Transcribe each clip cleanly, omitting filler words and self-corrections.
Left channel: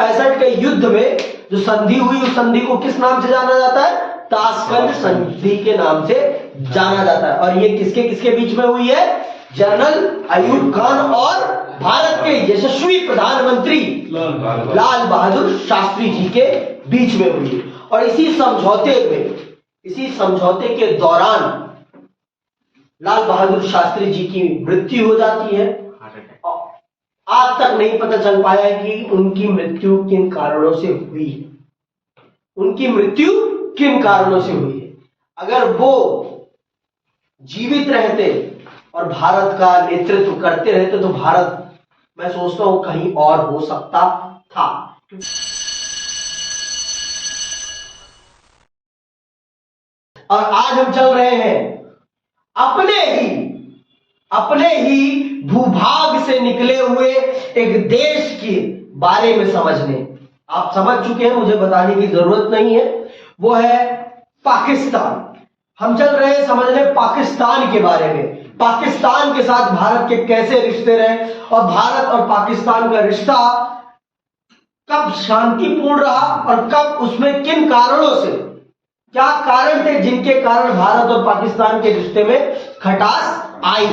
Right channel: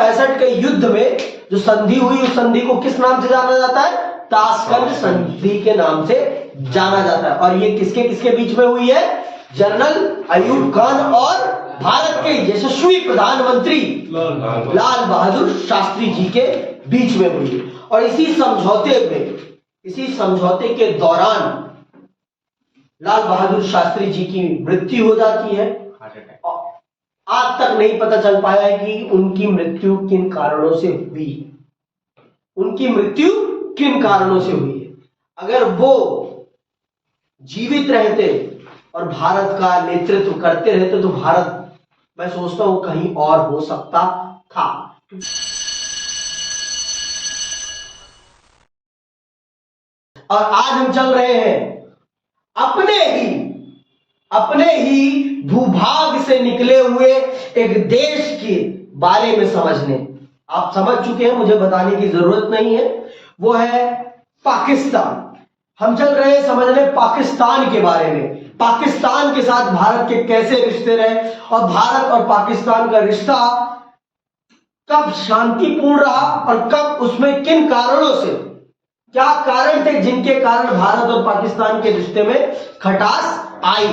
1965 के युद्ध में जो संधि हुई, उस संधि को किस नाम से जाना जाता है? ताशकंद संधि के नाम से जाना जाता है। और ये किसके किसके बीच में हुई है? जनरल अयूब खान और भारत के यशस्वी प्रधानमंत्री लाल बहादुर शास्त्री जी के बीच में हुई है। और इसी समझौते के दौरान लाल बहादुर शास्त्री जी की मृत्यु हो जाती है। आज तक नहीं पता चल पाया है कि उनकी मृत्यु किन कारणों से हुई है, उनकी मृत्यु किन कारणों से हुई है। अगर वो जीवित रहते और भारत का नेतृत्व करते रहते तो भारत, मैं सोचता हूं, कहीं और हो सकता था। और आज हम चल रहे हैं अपने ही भूभाग से निकले हुए एक देश के बारे में समझने। आप समझ चुके हैं, मुझे बताने की जरूरत नहीं है, वो है पाकिस्तान। हम चल रहे हैं समझने पाकिस्तान के बारे में, पाकिस्तान के साथ भारत के कैसे रिश्ते रहे और भारत और पाकिस्तान का रिश्ता कब शांतिपूर्ण रहा और कब उसमें किन कारणों से, क्या कारण थे जिनके कारण भारत और पाकिस्तान के रिश्ते में खटास आई।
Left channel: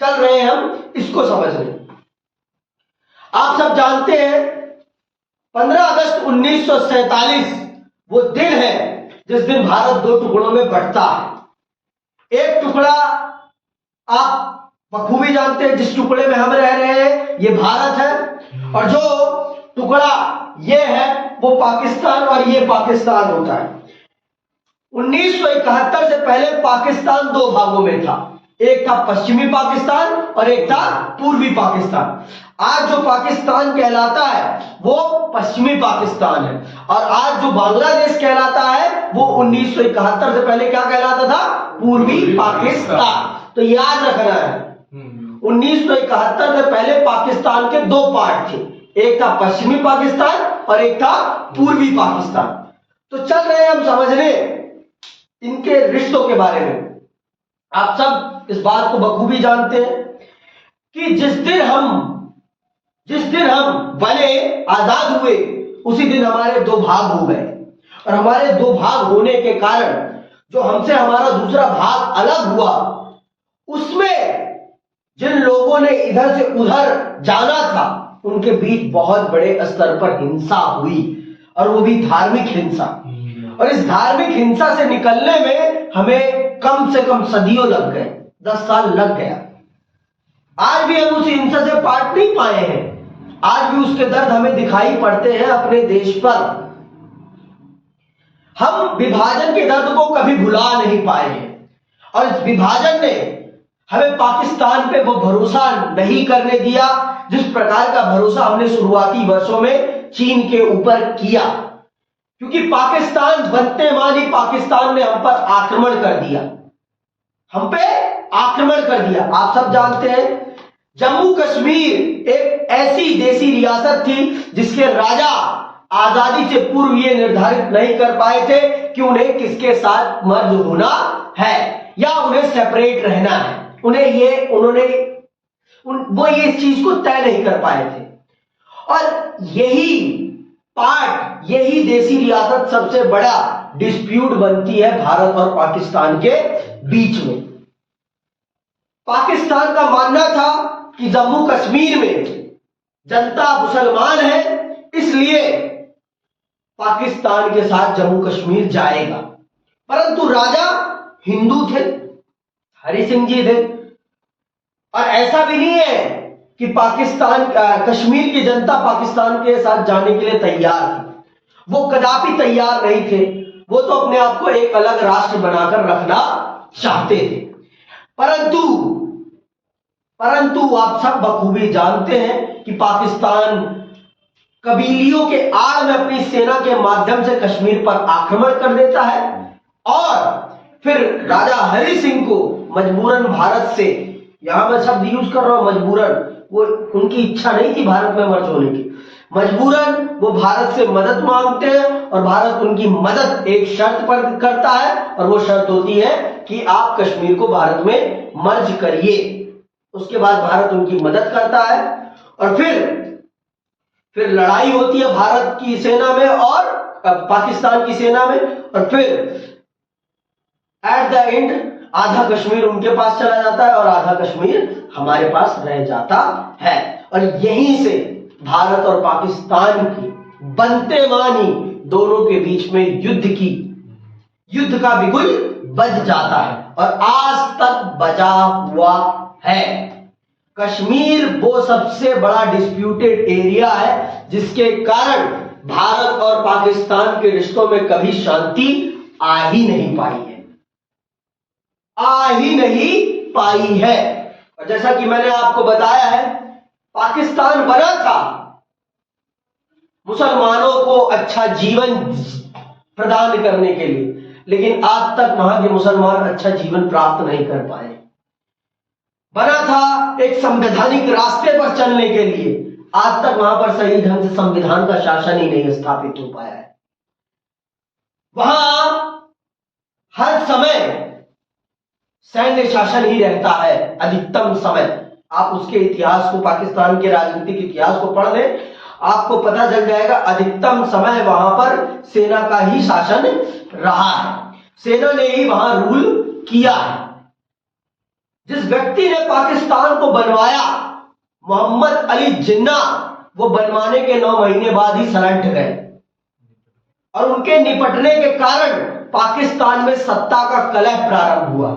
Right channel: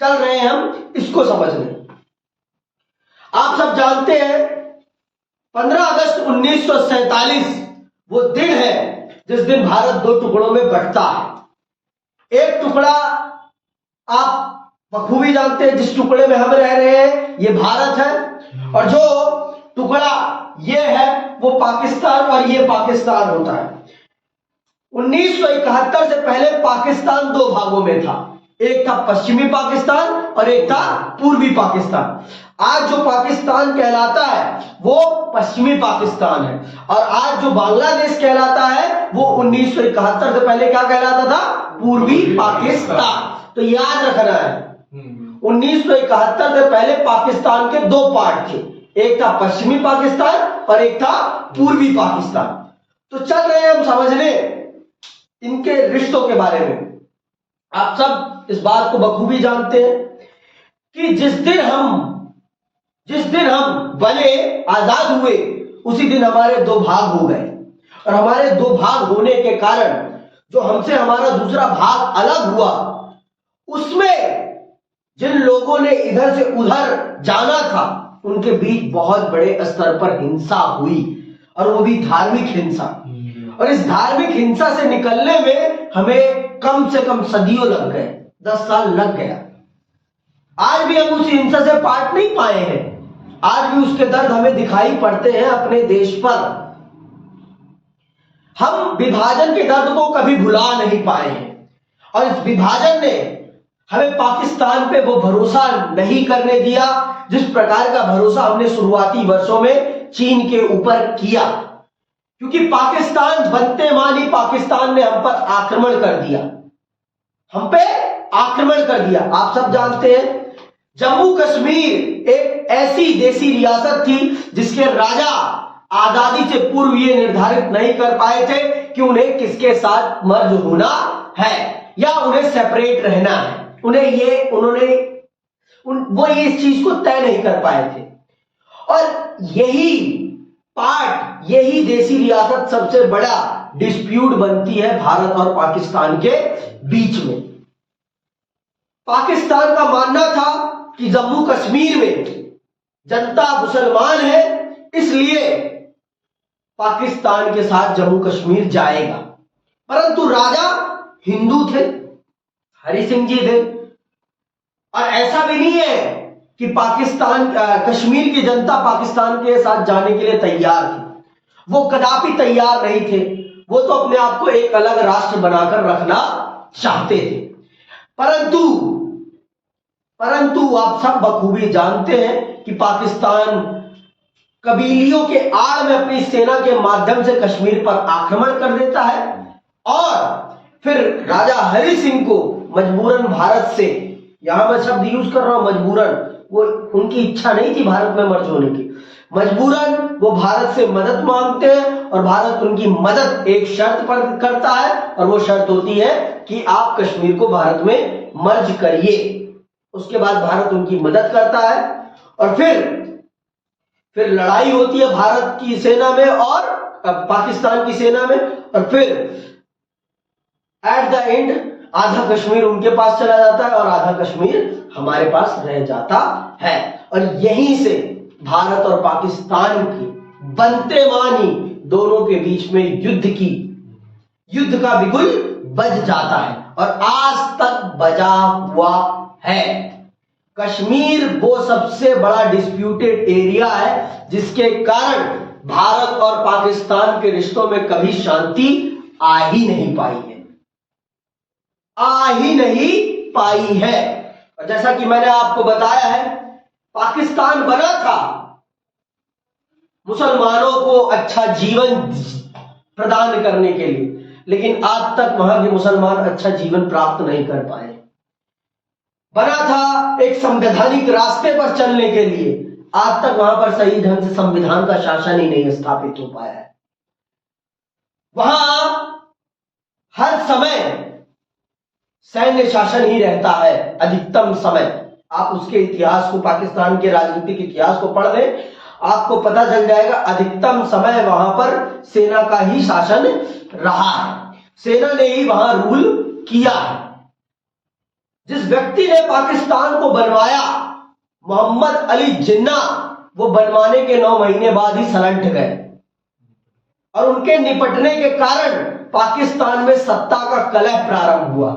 चल रहे हैं हम इसको समझने। आप सब जानते हैं 15 अगस्त 1947 वो दिन है जिस दिन भारत दो टुकड़ों में बंटता है। एक टुकड़ा आप बखूबी जानते हैं, जिस टुकड़े में हम रह रहे हैं ये भारत है, और जो टुकड़ा ये है वो पाकिस्तान, और ये पाकिस्तान होता है। 1971 से पहले पाकिस्तान दो भागों में था, एक था पश्चिमी पाकिस्तान और एक था पूर्वी पाकिस्तान। आज जो पाकिस्तान कहलाता है वो पश्चिमी पाकिस्तान है, और आज जो बांग्लादेश कहलाता है वो 1971 से पहले क्या कहलाता था? पूर्वी पाकिस्तान। तो याद रखना है, 1971 से पहले पाकिस्तान के दो पार्ट थे, एक था पश्चिमी पाकिस्तान और एक था पूर्वी पाकिस्तान। तो चल रहे हैं हम समझने इनके रिश्तों के बारे में। आप सब इस बात को बखूबी जानते हैं कि जिस दिन हम बने, आजाद हुए, उसी दिन हमारे दो भाग हो गए, और हमारे दो भाग होने के कारण जो हमसे हमारा दूसरा भाग अलग हुआ, उसमें जिन लोगों ने इधर से उधर जाना था उनके बीच बहुत बड़े स्तर पर हिंसा हुई, और वो भी धार्मिक हिंसा। और इस धार्मिक हिंसा से निकलने में हमें कम से कम सदियों लग गए, 10 साल लग गया। आज भी हम उस हिंसा से पाट नहीं पाए हैं, आज भी उसके दर्द हमें दिखाई पड़ते हैं अपने देश पर। हम विभाजन के दर्द को कभी भुला नहीं पाए हैं, और इस विभाजन ने हमें पाकिस्तान पे वो भरोसा नहीं करने दिया जिस प्रकार का भरोसा हमने शुरुआती वर्षों में चीन के ऊपर किया। क्योंकि पाकिस्तान बनते मानी पाकिस्तान ने हम पर आक्रमण कर दिया, हम पे आक्रमण कर दिया। आप सब जानते हैं जम्मू कश्मीर एक ऐसी देसी रियासत थी जिसके राजा आजादी से पूर्व ये निर्धारित नहीं कर पाए थे कि उन्हें किसके साथ मर्ज होना है या उन्हें सेपरेट रहना है। वो ये इस चीज को तय नहीं कर पाए थे, और यही देसी रियासत सबसे बड़ा डिस्प्यूट बनती है भारत और पाकिस्तान के बीच में। पाकिस्तान का मानना था कि जम्मू कश्मीर में जनता मुसलमान है, इसलिए पाकिस्तान के साथ जम्मू कश्मीर जाएगा। परंतु राजा हिंदू थे, हरि सिंह जी थे, और ऐसा भी नहीं है कि कश्मीर की जनता पाकिस्तान के साथ जाने के लिए तैयार थी। वो कदापि तैयार नहीं थे, वो तो अपने आप को एक अलग राष्ट्र बनाकर रखना चाहते थे। परंतु आप सब बखूबी जानते हैं कि पाकिस्तान कबीलियों के आड़ में अपनी सेना के माध्यम से कश्मीर पर आक्रमण कर देता है, और फिर राजा हरि सिंह को मजबूरन भारत से, यहां मैं शब्द यूज कर रहा हूं मजबूरन, वो उनकी इच्छा नहीं थी भारत में मर्ज होने की, मजबूरन वो भारत से मदद मांगते हैं, और भारत उनकी मदद एक शर्त पर करता है, और वो शर्त होती है कि आप कश्मीर को भारत में मर्ज करिए। उसके बाद भारत उनकी मदद करता है, और फिर फिर लड़ाई होती है भारत की सेना में और पाकिस्तान की सेना में, और फिर एट द एंड आधा कश्मीर उनके पास चला जाता है और आधा कश्मीर हमारे पास रह जाता है। और यहीं से भारत और पाकिस्तान की बनते मानी दोनों के बीच में युद्ध का बिगुल बज जाता है और आज तक बजा हुआ है। कश्मीर वो सबसे बड़ा डिस्प्यूटेड एरिया है जिसके कारण भारत और पाकिस्तान के रिश्तों में कभी शांति आ ही नहीं पाई है। और जैसा कि मैंने आपको बताया है, पाकिस्तान बना था मुसलमानों को अच्छा जीवन प्रदान करने के लिए, लेकिन आज तक वहां के मुसलमान अच्छा जीवन प्राप्त नहीं कर पाए। बना था एक संवैधानिक रास्ते पर चलने के लिए, आज तक वहां पर सही ढंग से संविधान का शासन ही नहीं स्थापित हो पाया है। वहां हर समय सैन्य शासन ही रहता है अधिकतम समय। आप उसके इतिहास को, पाकिस्तान के राजनीतिक इतिहास को पढ़ लें, आपको पता चल जाएगा अधिकतम समय वहां पर सेना का ही शासन रहा है, सेना ने ही वहां रूल किया है। जिस व्यक्ति ने पाकिस्तान को बनवाया, मोहम्मद अली जिन्ना, वो बनवाने के 9 महीने बाद ही सलट गए और उनके निपटने के कारण पाकिस्तान में सत्ता का कलह प्रारंभ हुआ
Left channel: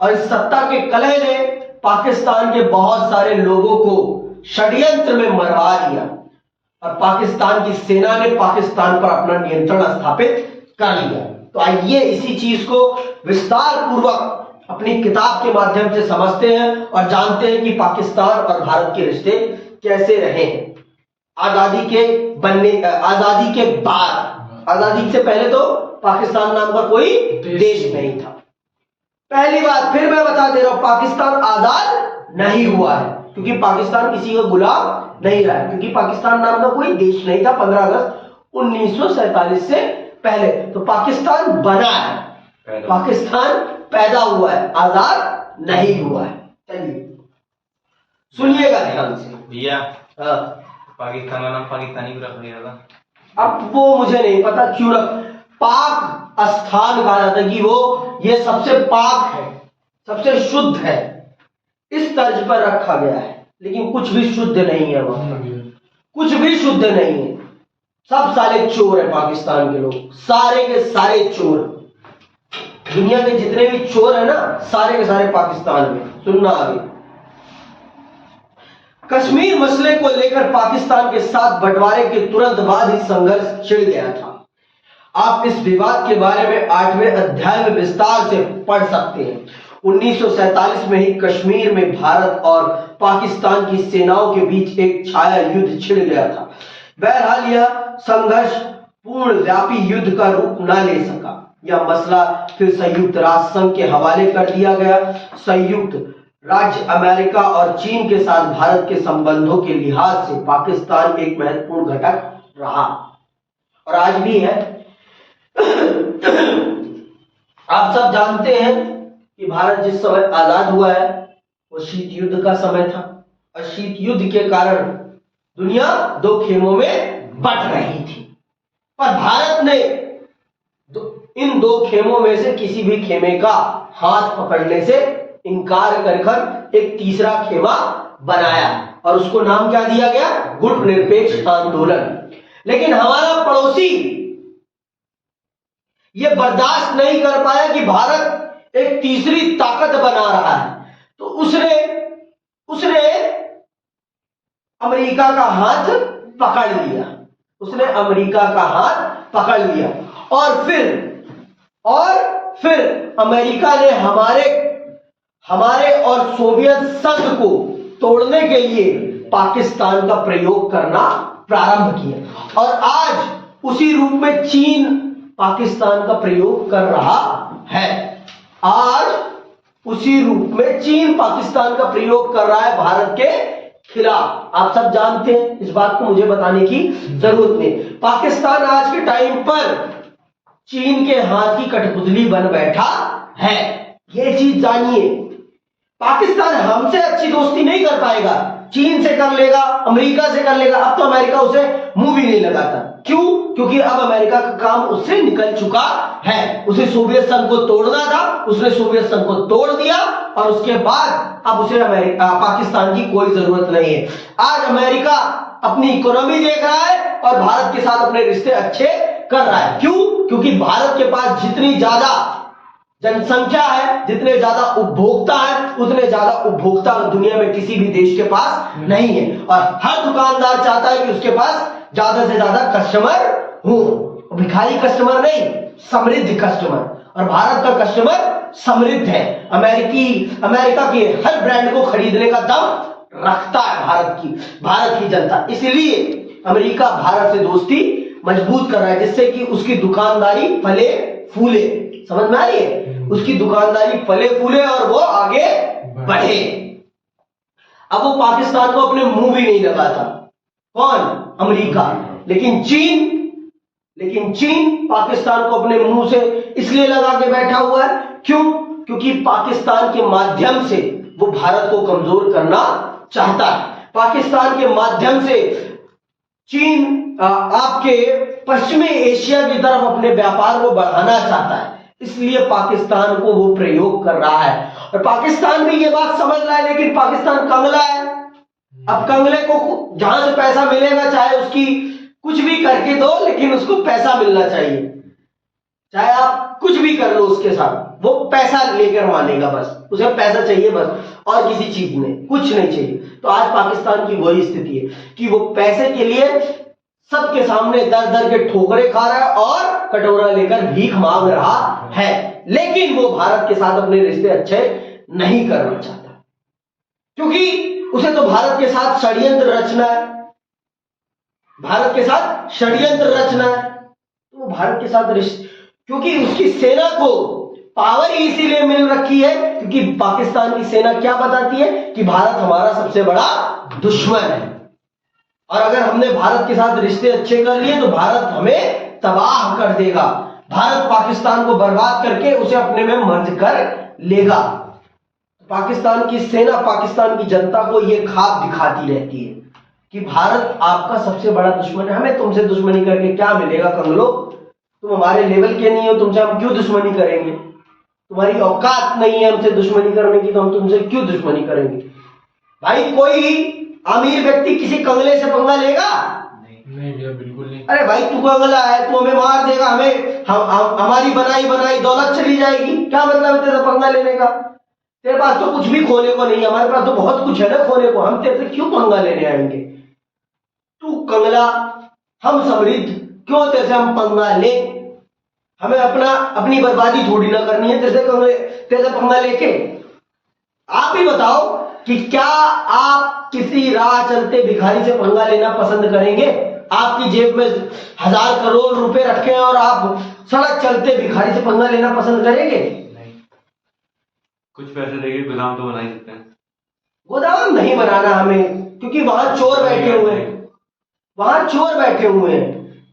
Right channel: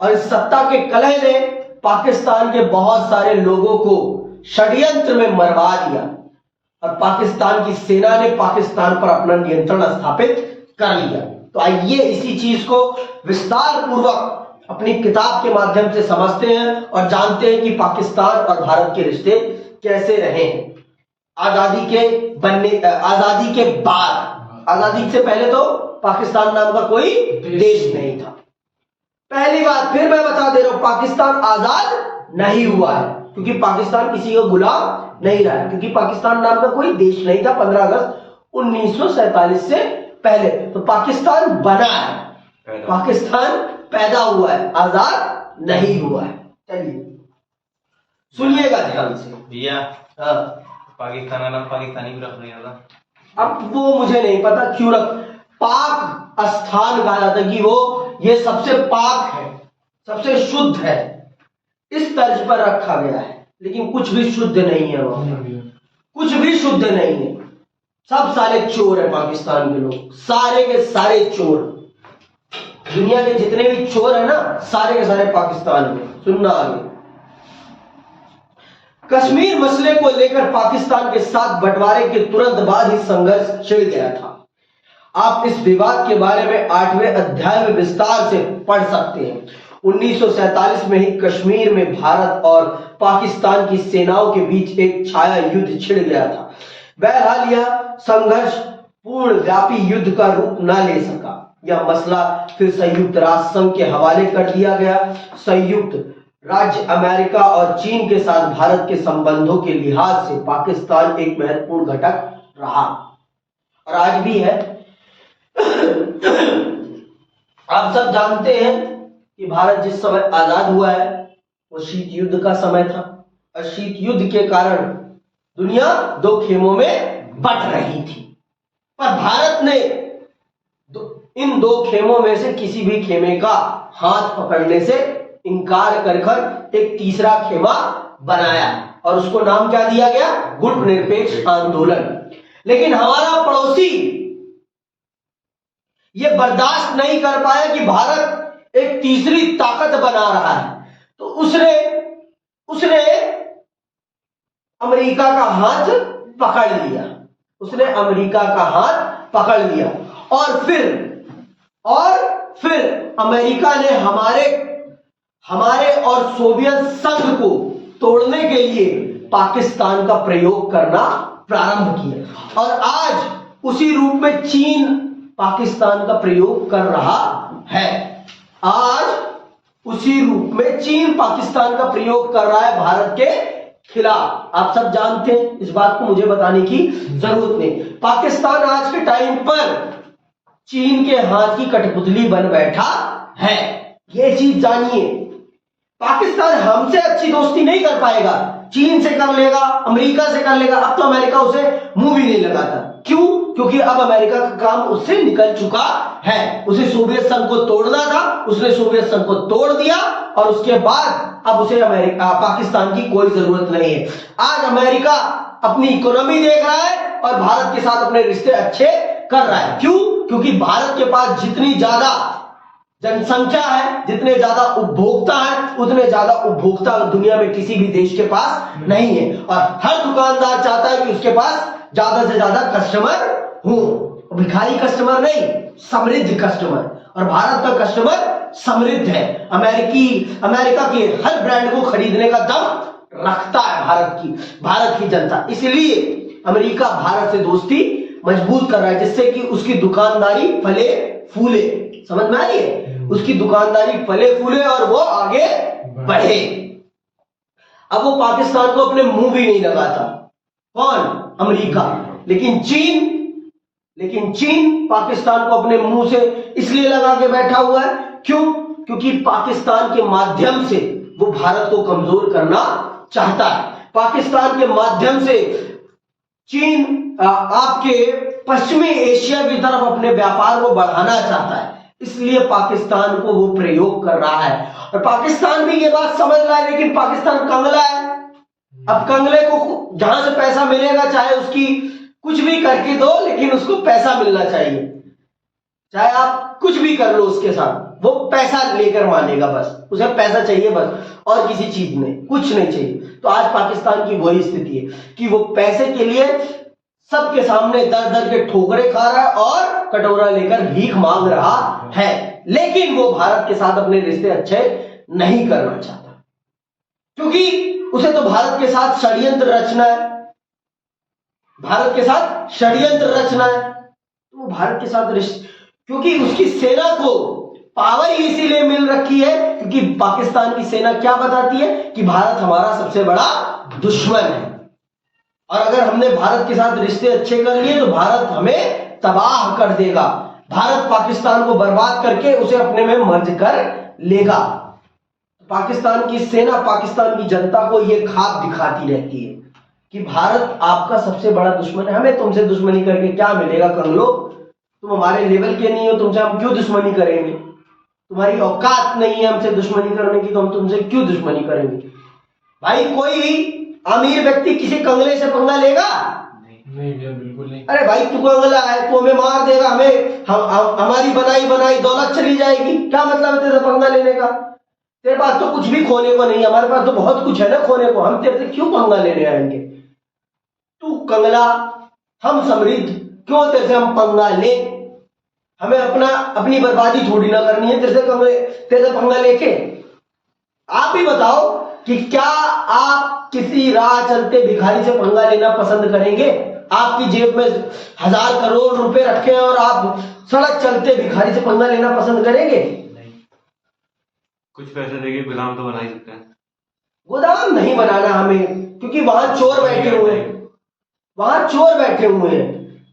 और इस सत्ता के कलह ने पाकिस्तान के बहुत सारे लोगों को षड्यंत्र में मरवा दिया और पाकिस्तान की सेना ने पाकिस्तान पर अपना नियंत्रण स्थापित कर लिया। तो आइए इसी चीज को विस्तार पूर्वक अपनी किताब के माध्यम से समझते हैं और जानते हैं कि पाकिस्तान और भारत के रिश्ते कैसे रहे हैं आजादी के बाद। आजादी से पहले तो पाकिस्तान नाम का कोई देश नहीं था। पहली बात फिर मैं बता दे रहा हूं, पाकिस्तान आजाद नहीं हुआ है क्योंकि पाकिस्तान किसी का गुलाम नहीं रहा है, क्योंकि पाकिस्तान नाम का कोई देश नहीं था 15 अगस्त 1947 से पहले। तो पाकिस्तान बना है, पाकिस्तान पैदा हुआ है, आजाद नहीं हुआ है। चलिए सुनिएगा ध्यान से भैया। हाँ, पाकिस्तान का नाम पाकिस्तानी भी रख लिया था। अब वो मुझे नहीं पता क्यों पाक स्थान कहा जाता है कि वो ये सबसे पाक है, सबसे शुद्ध है, इस तर्ज पर रखा गया है। लेकिन कुछ भी शुद्ध नहीं है वहां, कुछ भी शुद्ध नहीं है। सब सारे चोर है पाकिस्तान के लोग, सारे के सारे चोर। दुनिया के जितने भी चोर है ना, सारे के सारे पाकिस्तान में। सुनना आगे। कश्मीर मसले को लेकर पाकिस्तान के साथ बंटवारे के तुरंत बाद ही संघर्ष छिड़ गया था। आप इस विवाद के बारे में 8वें अध्याय में विस्तार से पढ़ सकते हैं। 1947 में ही कश्मीर में भारत और पाकिस्तान की सेनाओं के बीच एक छाया युद्ध छिड़ गया था। बहरहाल यह संघर्ष पूर्ण व्यापी युद्ध का रूप न ले सका। यह मसला फिर संयुक्त राष्ट्र संघ के हवाले कर दिया गया। संयुक्त राज्य अमेरिका और चीन के साथ भारत के संबंधों के लिहाज से पाकिस्तान एक महत्वपूर्ण घटक रहा और आज भी है। आप सब जानते हैं कि भारत जिस समय आजाद हुआ है वो शीत युद्ध का समय था और शीत युद्ध के कारण दुनिया 2 खेमों में बट रही थी, पर भारत ने इन 2 खेमों में से किसी भी खेमे का हाथ पकड़ने से इनकार कर एक तीसरा खेमा बनाया और उसको नाम क्या दिया गया? गुटनिरपेक्ष आंदोलन। लेकिन हमारा पड़ोसी यह बर्दाश्त नहीं कर पाया कि भारत एक तीसरी ताकत बना रहा है, तो उसने अमेरिका का हाथ पकड़ लिया। उसने अमेरिका का हाथ पकड़ लिया और फिर अमेरिका ने हमारे और सोवियत संघ को तोड़ने के लिए पाकिस्तान का प्रयोग करना प्रारंभ किया और आज उसी रूप में चीन पाकिस्तान का प्रयोग कर रहा है। आज उसी रूप में चीन पाकिस्तान का प्रयोग कर रहा है भारत के खिलाफ। आप सब जानते हैं, इस बात को मुझे बताने की जरूरत नहीं। पाकिस्तान आज के टाइम पर चीन के हाथ की कठपुतली बन बैठा है, ये चीज जानिए। पाकिस्तान हमसे अच्छी दोस्ती नहीं कर पाएगा, चीन से कर लेगा, अमेरिका से कर लेगा। अब तो अमेरिका उसे मुंह भी नहीं लगाता। क्यों? क्योंकि अब अमेरिका का काम उससे निकल चुका है। उसे सोवियत संघ को तोड़ना था, उसने सोवियत संघ को तोड़ दिया और उसके बाद अब उसे पाकिस्तान की कोई जरूरत नहीं है। आज अमेरिका अपनी इकोनॉमी देख रहा है और भारत के साथ अपने रिश्ते अच्छे कर रहा है। क्यों? क्योंकि भारत के पास जितनी ज्यादा जनसंख्या है, जितने ज्यादा उपभोक्ता है, उतने ज्यादा उपभोक्ता दुनिया में किसी भी देश के पास नहीं है। और हर दुकानदार चाहता है कि उसके पास ज्यादा से ज्यादा कस्टमर हो, भिखारी कस्टमर नहीं, समृद्ध कस्टमर। और भारत का कस्टमर समृद्ध है। अमेरिका के हर ब्रांड को खरीदने का दम रखता है भारत की जनता। इसलिए अमेरिका भारत से दोस्ती मजबूत कर रहा है, जिससे कि उसकी दुकानदारी फले फूले। समझ में आ रही है? उसकी दुकानदारी फले फूले और वो आगे बढ़े। अब वो पाकिस्तान को अपने मुंह भी नहीं लगाता। कौन? अमेरिका। लेकिन चीन पाकिस्तान को अपने मुंह से इसलिए लगा के बैठा हुआ है। क्यों? क्योंकि पाकिस्तान के माध्यम से वो भारत को कमजोर करना चाहता है। पाकिस्तान के माध्यम से चीन आपके पश्चिमी एशिया की तरफ अपने व्यापार को बढ़ाना चाहता है। इसलिए पाकिस्तान को वो प्रयोग कर रहा है। और पाकिस्तान भी ये बात समझ रहा है, लेकिन पाकिस्तान कंगला है। अब कंगले को जहां से पैसा मिलेगा, चाहे उसकी कुछ भी करके दो, लेकिन उसको पैसा मिलना चाहिए। चाहे आप कुछ भी कर लो उसके साथ, वो पैसा लेकर मानेगा। बस उसे पैसा चाहिए बस, और किसी चीज में कुछ नहीं चाहिए। तो आज पाकिस्तान की वही स्थिति है कि वो पैसे के लिए सबके सामने दर दर के ठोकरे खा रहा है और कटोरा लेकर भीख मांग रहा है। लेकिन वो भारत के साथ अपने रिश्ते अच्छे नहीं करना चाहता, क्योंकि उसे तो भारत के साथ षड्यंत्र रचना है। भारत के साथ षड्यंत्र रचना है। तो वो भारत के साथ रिश्ते, क्योंकि उसकी सेना को पावर ही इसीलिए मिल रखी है क्योंकि पाकिस्तान की सेना क्या बताती है कि भारत हमारा सबसे बड़ा दुश्मन है। और अगर हमने भारत के साथ रिश्ते अच्छे कर लिए तो भारत हमें तबाह कर देगा। भारत पाकिस्तान को बर्बाद करके उसे अपने में मर्ज कर लेगा। पाकिस्तान की सेना पाकिस्तान की जनता को यह ख्वाब दिखाती रहती है कि भारत आपका सबसे बड़ा दुश्मन है। हमें तुमसे दुश्मनी करके क्या मिलेगा कंगलो? तुम हमारे लेवल के नहीं हो, तुमसे हम क्यों दुश्मनी करेंगे? तुम्हारी औकात नहीं है हमसे दुश्मनी करने की, तो हम तुमसे क्यों दुश्मनी करेंगे? भाई कोई अमीर व्यक्ति किसी कंगले से पंगा लेगा? नहीं भैया, बिल्कुल नहीं। अरे भाई तू कंगला है, तू हमें मार देगा, हमारी बनाई दौलत चली जाएगी। क्या मतलब है तेरे से पंगा लेने का? तेरे पास तो कुछ भी खोने को नहीं, हमारे पास तो बहुत कुछ है ना खोने को। हम तेरे से क्यों पंगा लेने आएंगे? तू कंगला, हम समृद्ध, क्यों तेरे से हम पंगा ले? हमें अपनी बर्बादी थोड़ी ना करनी है तेरे से पंगा लेके। आप ही बताओ कि क्या आप किसी राह चलते भिखारी से पंगा लेना पसंद करेंगे? आपकी जेब में 1000 करोड़ रुपए रखे हैं और आप सड़क चलते भिखारी से पंगा लेना पसंद करेंगे? नहीं। कुछ पैसे देके गुलाम तो बना ही सकते हैं। गोदाम नहीं बनाना हमें, क्योंकि वहां चोर बैठे हुए हैं।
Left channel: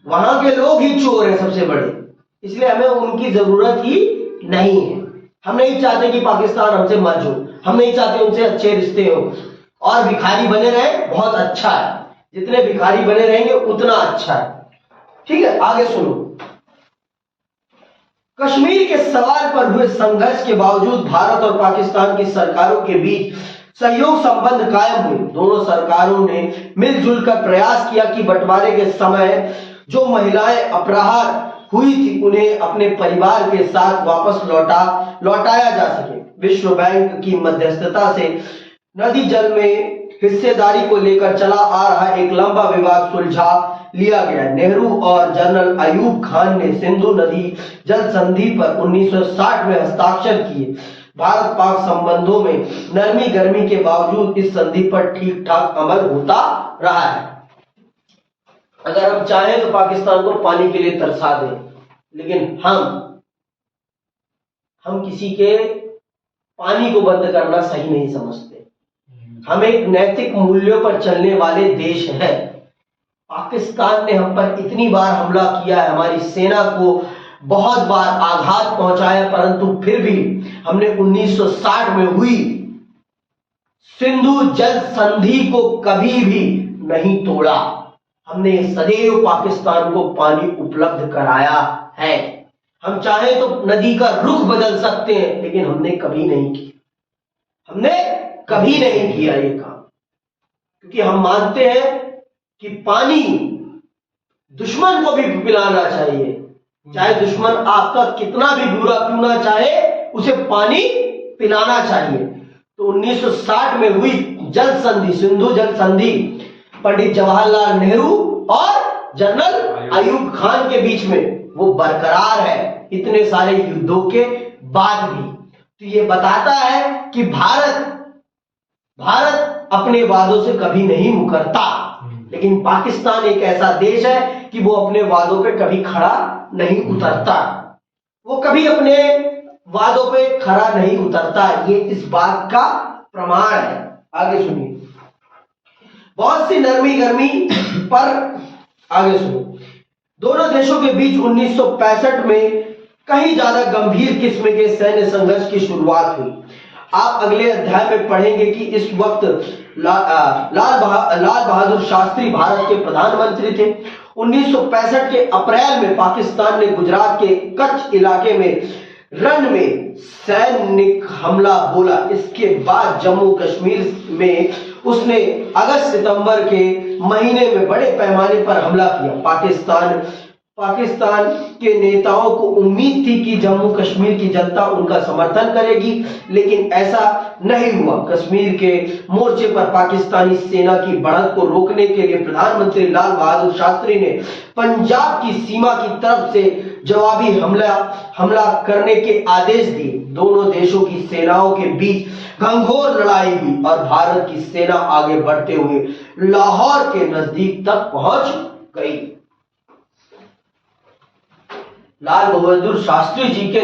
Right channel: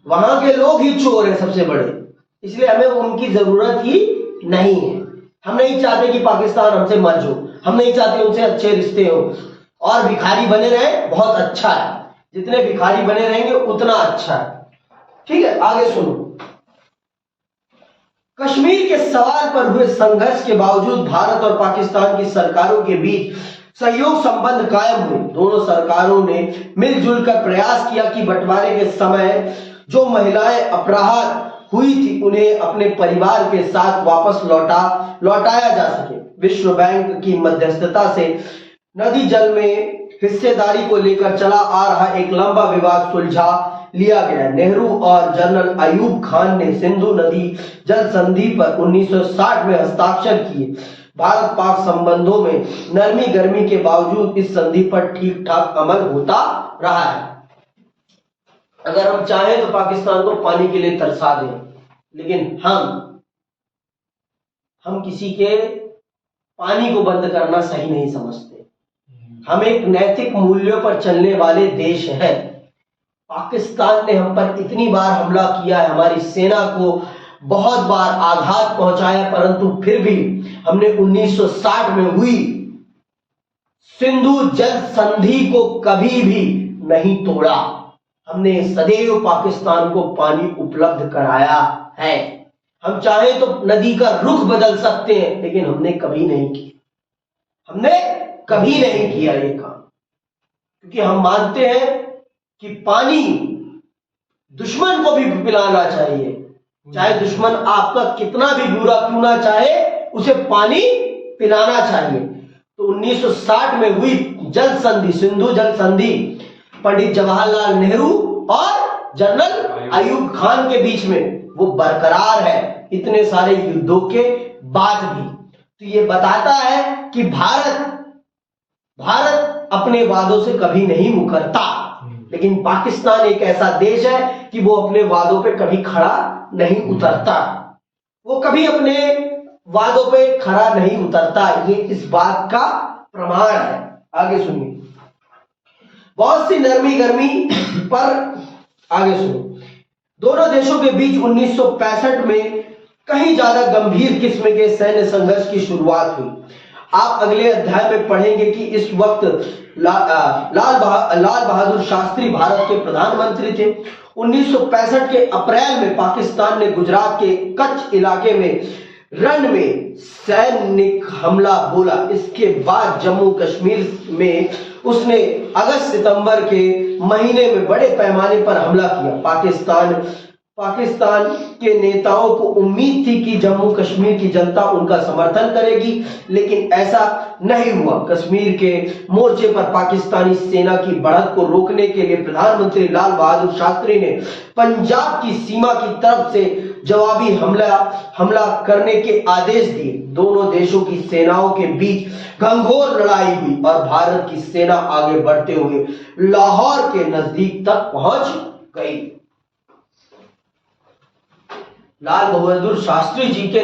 वहां के लोग ही चोर हैं सबसे बड़े, इसलिए हमें उनकी जरूरत ही नहीं है। हम नहीं चाहते कि पाकिस्तान हमसे मर्ज हो, हम नहीं चाहते उनसे अच्छे रिश्ते हो। और भिखारी बने रहे बहुत अच्छा है, जितने भिखारी बने रहेंगे उतना अच्छा है। ठीक है, आगे सुनो। कश्मीर के सवाल पर हुए संघर्ष के बावजूद भारत और पाकिस्तान की सरकारों के बीच सहयोग संबंध कायम हुए। दोनों सरकारों ने मिलजुल कर प्रयास किया कि बंटवारे के समय जो महिलाएं अपराध हुई थी उन्हें अपने परिवार के साथ वापस लौटाया जा सके। विश्व बैंक की मध्यस्थता से नदी जल में हिस्सेदारी को लेकर चला आ रहा एक लंबा विवाद सुलझा लिया गया। नेहरू और जनरल अयूब खान ने सिंधु नदी जल संधि पर 1960 में हस्ताक्षर किए। भारत पाक संबंधों में नरमी गर्मी के बावजूद इस संधि पर ठीक ठाक अमल होता रहा है। अगर हम चाहें तो पाकिस्तान को पानी के लिए तरसा दें, लेकिन हम किसी के पानी को बंद करना सही नहीं समझते। हम एक नैतिक मूल्यों पर चलने वाले देश हैं। पाकिस्तान ने हम पर इतनी बार हमला किया है, हमारी सेना को बहुत बार आघात पहुंचाया, परंतु फिर भी हमने 1960 में हुई सिंधु जल संधि को कभी भी नहीं तोड़ा। हमने सदैव पाकिस्तान को पानी उपलब्ध कराया है। हम चाहे तो नदी का रुख बदल सकते हैं, लेकिन हमने कभी नहीं किया, हमने कभी नहीं किया ये काम, क्योंकि हम मानते हैं कि पानी दुश्मन को भी पिलाना चाहिए। चाहे दुश्मन आपका कितना भी बुरा क्यों ना चाहे, उसे पानी पिलाना चाहिए। तो 1960 में हुई जल संधि, सिंधु जल संधि, पंडित जवाहरलाल नेहरू और जनरल अयूब खान के बीच में वो बरकरार है इतने सारे युद्धों के बाद भी। तो ये बताता है कि भारत अपने वादों से कभी नहीं मुकरता, लेकिन पाकिस्तान एक ऐसा देश है कि वो अपने वादों पे कभी खड़ा नहीं उतरता, वो कभी अपने वादों पे खड़ा नहीं उतरता। ये इस बात का प्रमाण है। आगे सुनिए, बहुत सी नरमी गर्मी पर आगे सुनो। दोनों देशों के बीच 1965 में कहीं ज्यादा गंभीर किस्म के सैन्य संघर्ष की शुरुआत हुई। आप अगले अध्याय में पढ़ेंगे कि इस वक्त लाल बहादुर शास्त्री भारत के प्रधानमंत्री थे। 1965 के अप्रैल में पाकिस्तान ने गुजरात के कच्छ इलाके में रन में सैनिक हमला बोला। इसके बाद जम्मू कश्मीर में उसने अगस्त सितंबर के महीने में बड़े पैमाने पर हमला किया। पाकिस्तान के नेताओं को उम्मीद थी कि जम्मू कश्मीर की जनता उनका समर्थन करेगी, लेकिन ऐसा नहीं हुआ। कश्मीर के मोर्चे पर पाकिस्तानी सेना की बढ़त को रोकने के लिए प्रधानमंत्री लाल बहादुर शास्त्री ने पंजाब की सीमा की तरफ से जवाबी हमला करने के आदेश दिए। दोनों देशों की सेनाओं के बीच घंघोर लड़ाई हुई और भारत की सेना आगे बढ़ते हुए लाहौर के नजदीक तक पहुंच गई। लाल बहादुर शास्त्री जी के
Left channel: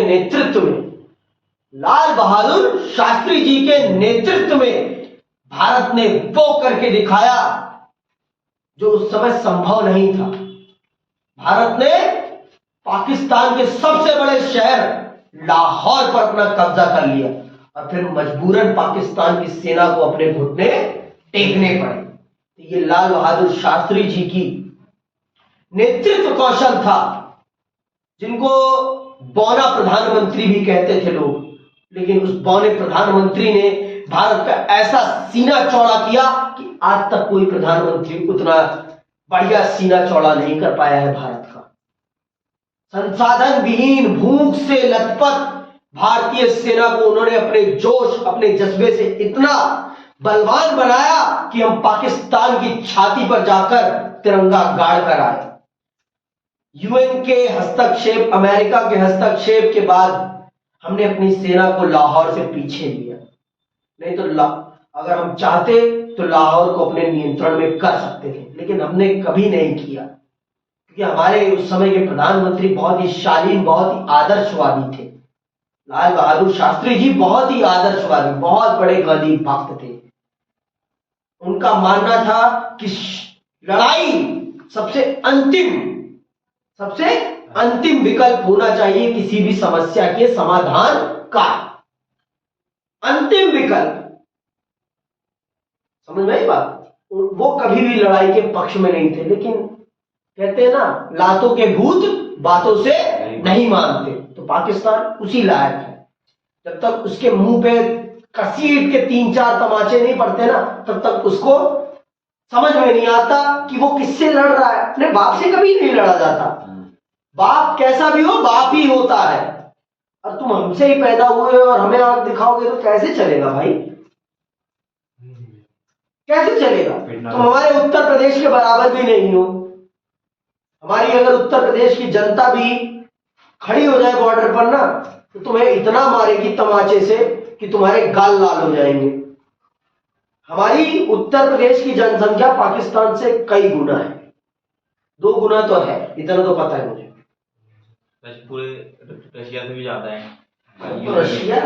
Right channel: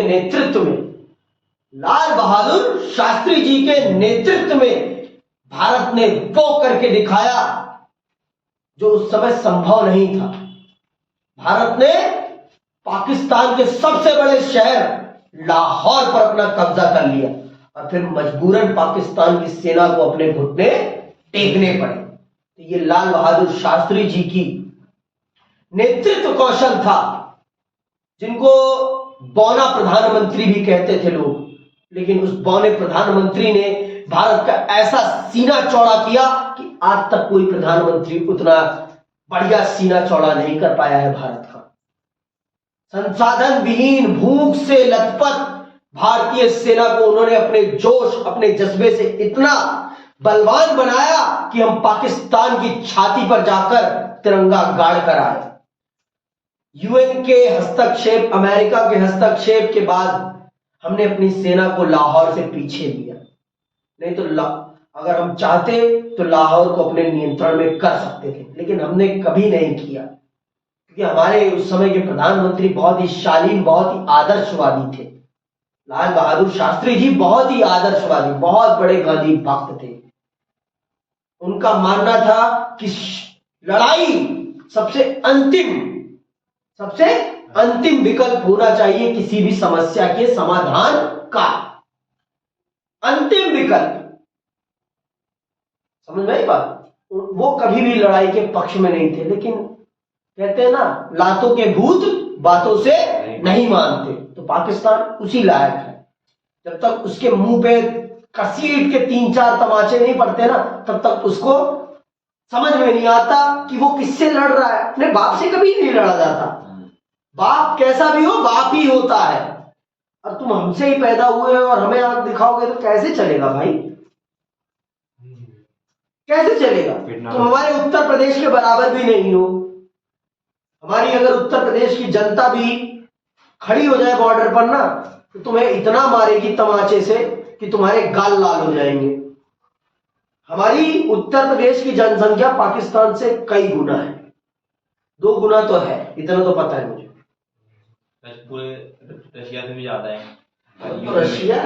नेतृत्व में भारत ने वो करके दिखाया जो उस समय संभव नहीं था। भारत ने पाकिस्तान के सबसे बड़े शहर लाहौर पर अपना कब्जा कर लिया और फिर मजबूरन पाकिस्तान की सेना को अपने घुटने टेकने पड़े। तो ये लाल बहादुर शास्त्री जी की नेतृत्व कौशल था, जिनको बौना प्रधानमंत्री भी कहते थे लोग, लेकिन उस बौने प्रधानमंत्री ने भारत का ऐसा सीना चौड़ा किया कि आज तक कोई प्रधानमंत्री उतना बढ़िया सीना चौड़ा नहीं कर पाया है भारत का। संसाधन विहीन, भूख से लथपथ भारतीय सेना को उन्होंने अपने जोश, अपने जज्बे से इतना बलवान बनाया कि हम पाकिस्तान की छाती पर जाकर तिरंगा गाड़ कर आए। यूएन के हस्तक्षेप, अमेरिका के हस्तक्षेप के बाद हमने अपनी सेना को लाहौर से पीछे लिया। नहीं तो अगर हम चाहते तो लाहौर को अपने नियंत्रण में कर सकते थे, लेकिन हमने कभी नहीं किया, क्योंकि हमारे उस समय के प्रधानमंत्री बहुत ही शालीन, बहुत ही आदर्शवादी थे। लाल बहादुर शास्त्री जी बहुत ही आदर्शवादी, बहुत बड़े गांधी भक्त थे। उनका मानना था कि लड़ाई सबसे अंतिम विकल्प होना चाहिए किसी भी समस्या के समाधान का। अंतिम विकल्प, समझ में आई बात? वो कभी भी लड़ाई के पक्ष में नहीं थे, लेकिन कहते हैं ना, लातों के भूत बातों से नहीं मानते। तो पाकिस्तान उसी लायक है। जब तक उसके मुंह पे कसीट के 3-4 तमाचे नहीं पड़ते ना, तब तक उसको समझ में नहीं आता कि वो किससे लड़ रहा है। अपने बाप से कभी नहीं लड़ा जाता। बाप कैसा भी हो, बाप ही होता है। और तुम हमसे ही पैदा हुए हो और हमें आंख दिखाओगे तो कैसे चलेगा भाई? कैसे चलेगा? तुम हमारे उत्तर प्रदेश के बराबर भी नहीं हो। हमारी अगर उत्तर प्रदेश की जनता भी खड़ी हो जाए बॉर्डर पर ना, तो तुम्हें इतना मारेगी तमाचे से कि तुम्हारे गाल लाल हो जाएंगे। हमारी उत्तर प्रदेश की जनसंख्या पाकिस्तान से कई गुना है, 2 गुना तो है, इतना तो पता है मुझे। पूरे रशिया से भी ज्यादा है। तो रशिया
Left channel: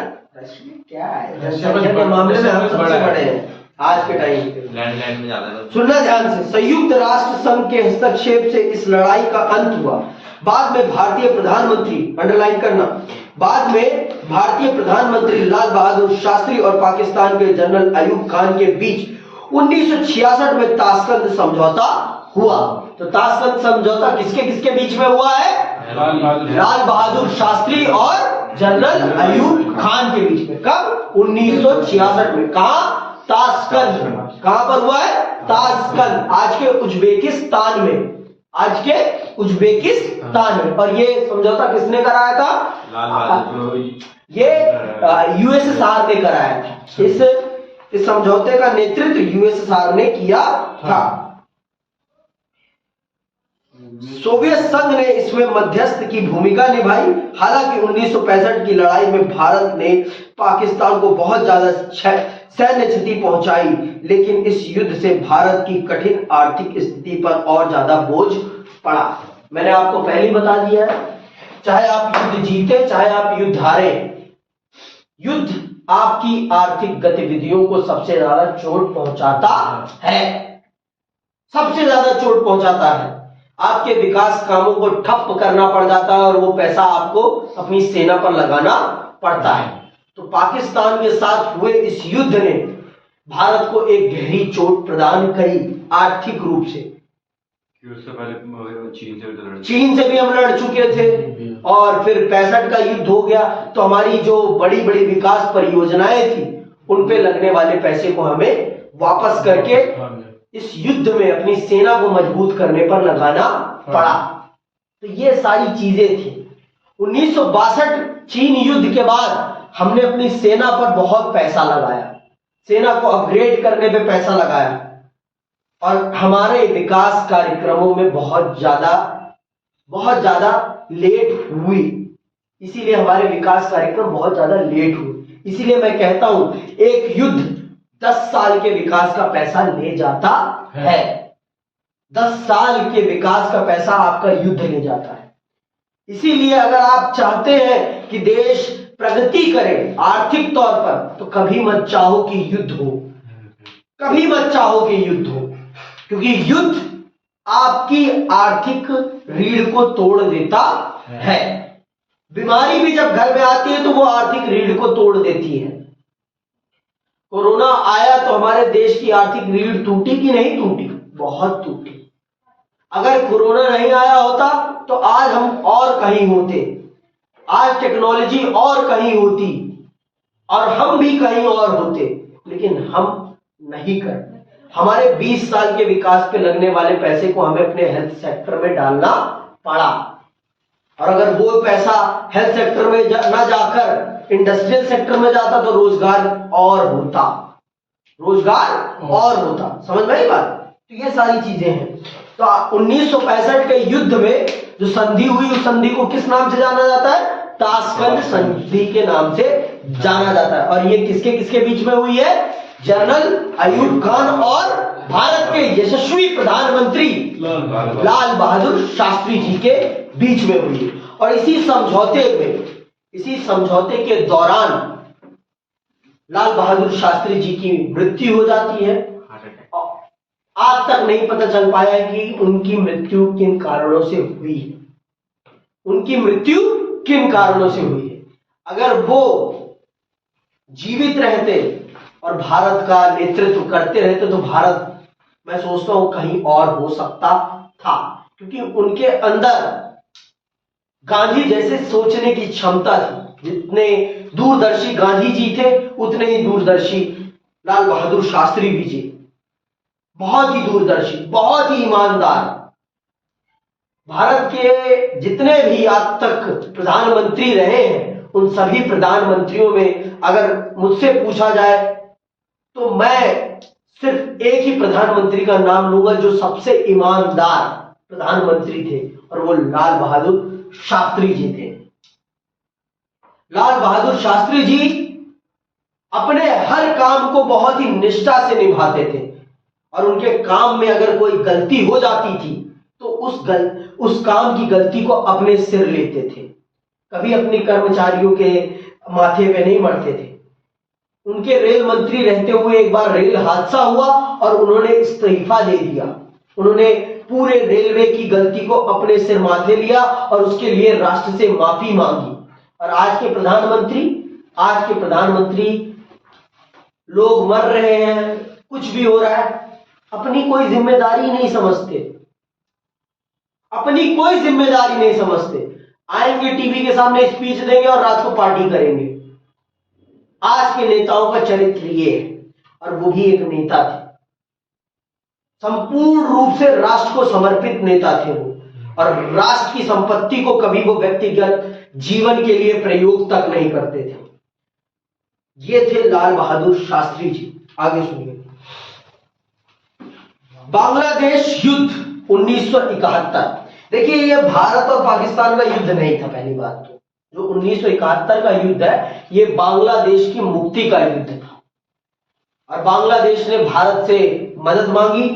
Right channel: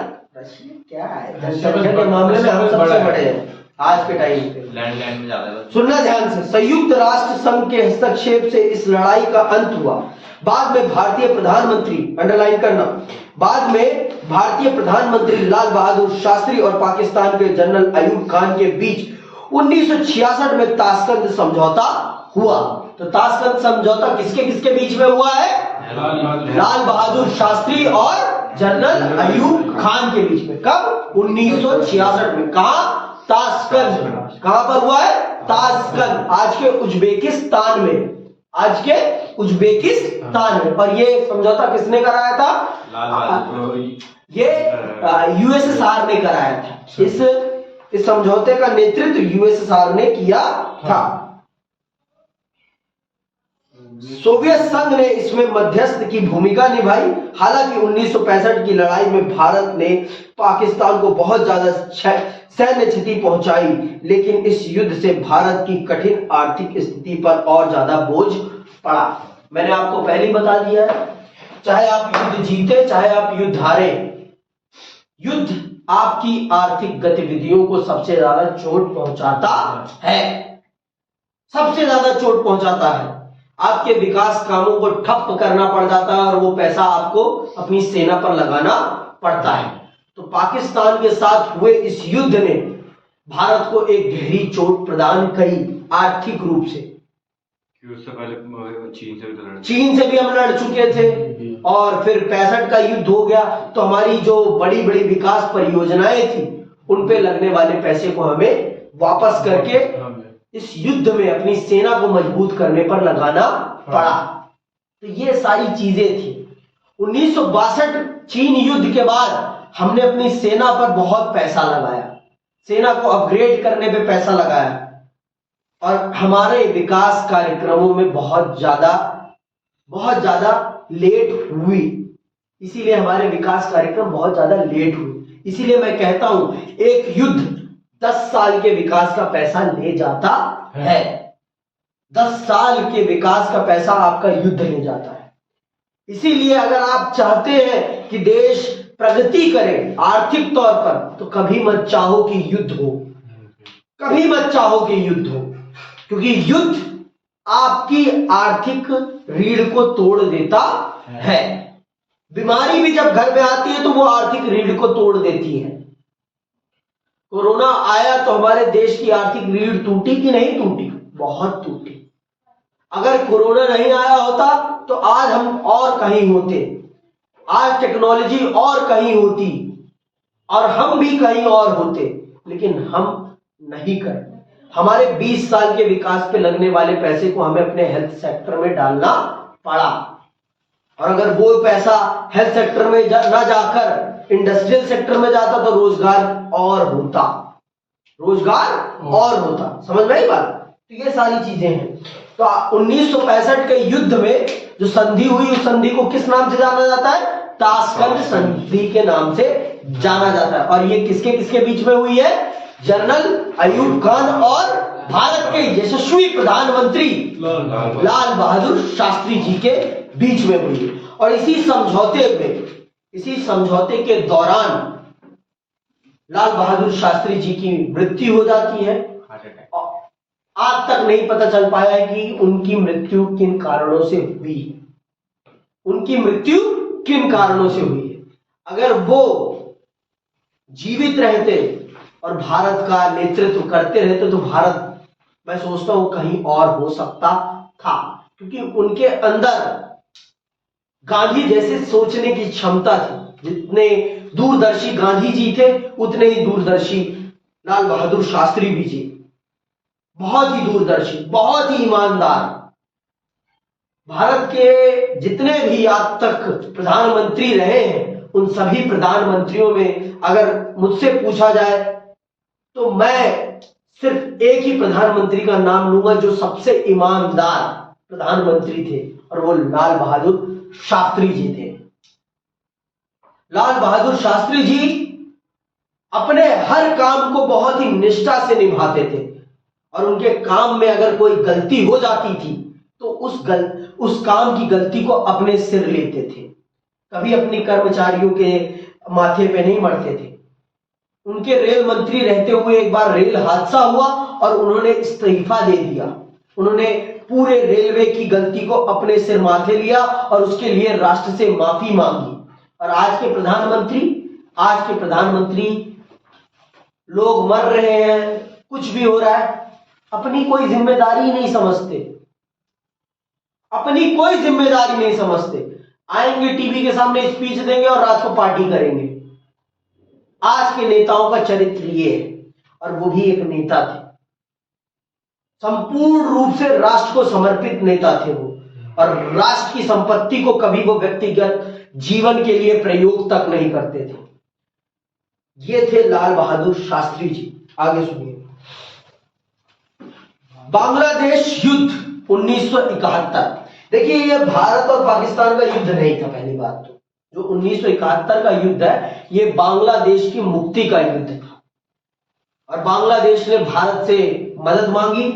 क्या है, जनसंख्या के मामले में हम सबसे बड़े हैं आज के टाइम पे। लैंड में ज्यादा है। सुनना ध्यान से, संयुक्त राष्ट्र संघ के हस्तक्षेप से इस लड़ाई का अंत हुआ। बाद में भारतीय प्रधानमंत्री, अंडरलाइन करना, बाद में भारतीय प्रधानमंत्री लाल बहादुर शास्त्री और पाकिस्तान के जनरल अयूब खान के बीच 1966 में ताशकंद समझौता हुआ। तो ताशकंद समझौता किसके किसके बीच में हुआ है? लाल बहादुर शास्त्री और जनरल अयूब खान के बीच में। कब? 1966 में। कहा? ताशकंद। कहां पर हुआ है? ताशकंद, आज के उज्बेकिस्तान में, आज के उज्बेकिस्तान में। और ये समझौता किसने कराया था? लाल बहादुर। ये यूएसएसआर ने कराया था। इस समझौते का नेतृत्व यूएसएसआर ने किया था। सोवियत संघ ने इसमें मध्यस्थ की भूमिका निभाई। हालांकि 1965 की लड़ाई में भारत ने पाकिस्तान को बहुत ज्यादा सैन्य क्षति पहुंचाई, लेकिन इस युद्ध से भारत की कठिन आर्थिक स्थिति पर और ज्यादा बोझ पड़ा। मैंने आपको पहले ही बता दिया है, चाहे आप युद्ध जीते चाहे आप युद्ध हारे, युद्ध आपकी आर्थिक गतिविधियों को सबसे ज्यादा चोट पहुंचाता है, सबसे ज्यादा चोट पहुंचाता है। आपके विकास कामों को ठप करना पड़ जाता है और वो पैसा आपको अपनी सेना पर लगाना पड़ता है। तो पाकिस्तान के साथ हुए इस युद्ध ने भारत को एक गहरी चोट प्रदान करी आर्थिक रूप से। उससे पहले चीन से भी हम लड़ चुके थे, और फिर 65 का युद्ध हो गया तो हमारी जो बड़ी बड़ी विकास परियोजनाएं थी उन पे लगने वाले पैसे को हमें वापस करके इस युद्ध में अपनी सेना को मजबूत करने पर लगाना पड़ा। तो ये सारी चीजें थी। 1962 चीन युद्ध के बाद हमने अपनी सेना पर बहुत पैसा लगाया, सेना को अपग्रेड करने पे पैसा लगाया, और हमारे विकास कार्यक्रमों में बहुत ज्यादा लेट हुई। इसीलिए हमारे विकास कार्यक्रम बहुत ज्यादा लेट हुए। इसीलिए मैं कहता हूं एक युद्ध 10 साल के विकास का पैसा ले जाता है। 10 साल के विकास का पैसा आपका युद्ध ले जाता है। इसीलिए अगर आप चाहते हैं कि देश प्रगति करे आर्थिक तौर पर, तो कभी मत चाहो कि युद्ध हो, कभी मत चाहो कि युद्ध हो, क्योंकि युद्ध आपकी आर्थिक रीढ़ को तोड़ देता है। बीमारी भी जब घर में आती है तो वो आर्थिक रीढ़ को तोड़ देती है। कोरोना आया तो हमारे देश की आर्थिक रीढ़ टूटी कि नहीं टूटी? बहुत टूटी। अगर कोरोना नहीं आया होता तो आज हम और कहीं होते, आज टेक्नोलॉजी और कहीं होती और हम भी कहीं और होते, लेकिन हम नहीं करते। हमारे 20 साल के विकास पे लगने वाले पैसे को हमें अपने हेल्थ सेक्टर में डालना पड़ा, और अगर वो पैसा हेल्थ सेक्टर में ना जाकर इंडस्ट्रियल सेक्टर में जाता तो रोजगार और होता, रोजगार और होता। समझ में आई बात? तो ये सारी चीजें हैं। तो 1965 के युद्ध में जो संधि हुई, उस संधि को किस नाम से जाना जाता है? ताशकंद संधि के नाम से जाना जाता है। और ये किसके किसके बीच में हुई है? जनरल अयूब खान और भारत के यशस्वी प्रधानमंत्री लाल बहादुर शास्त्री जी के बीच में हुई है। और इसी समझौते के दौरान लाल बहादुर शास्त्री जी की मृत्यु हो जाती है। आज तक नहीं पता चल पाया है कि उनकी मृत्यु किन कारणों से हुई है, उनकी मृत्यु किन कारणों से हुई है। अगर वो जीवित रहते और भारत का नेतृत्व करते रहते तो भारत, मैं सोचता हूं, कहीं और हो सकता था, क्योंकि उनके अंदर गांधी जैसे सोचने की क्षमता थी। जितने दूरदर्शी गांधी जी थे उतने ही दूरदर्शी लाल बहादुर शास्त्री भी जी। बहुत ही दूरदर्शी, बहुत ही ईमानदार। भारत के जितने भी आज तक प्रधानमंत्री रहे हैं, उन सभी प्रधानमंत्रियों में अगर मुझसे पूछा जाए तो मैं सिर्फ एक ही प्रधानमंत्री का नाम लूंगा जो सबसे ईमानदार प्रधानमंत्री थे, और वो लाल बहादुर शास्त्री जी थे। लाल बहादुर शास्त्री जी अपने हर काम को बहुत ही निष्ठा से निभाते थे, और उनके काम में अगर कोई गलती हो जाती थी तो उस काम की गलती को अपने सिर लेते थे, कभी अपने कर्मचारियों के माथे पे नहीं मरते थे। उनके रेल मंत्री रहते हुए एक बार रेल हादसा हुआ और उन्होंने इस्तीफा दे दिया। उन्होंने पूरे रेलवे की गलती को अपने सिर माथे लिया और उसके लिए राष्ट्र से माफी मांगी। और आज के प्रधानमंत्री लोग मर रहे हैं, कुछ भी हो रहा है, अपनी कोई जिम्मेदारी नहीं समझते, अपनी कोई जिम्मेदारी नहीं समझते। आएंगे टीवी के सामने स्पीच देंगे और रात को पार्टी करेंगे। आज के नेताओं का चरित्र ये है, और वो भी एक नेता थे, संपूर्ण रूप से राष्ट्र को समर्पित नेता थे वो, और राष्ट्र की संपत्ति को कभी वो व्यक्तिगत जीवन के लिए प्रयोग तक नहीं करते थे। ये थे लाल बहादुर शास्त्री जी। आगे सुनिए। बांग्लादेश युद्ध 1971। देखिए, ये भारत और पाकिस्तान का युद्ध नहीं था। पहली बात तो जो 1971 का युद्ध है, ये बांग्लादेश की मुक्ति का युद्ध था, और बांग्लादेश ने भारत से मदद मांगी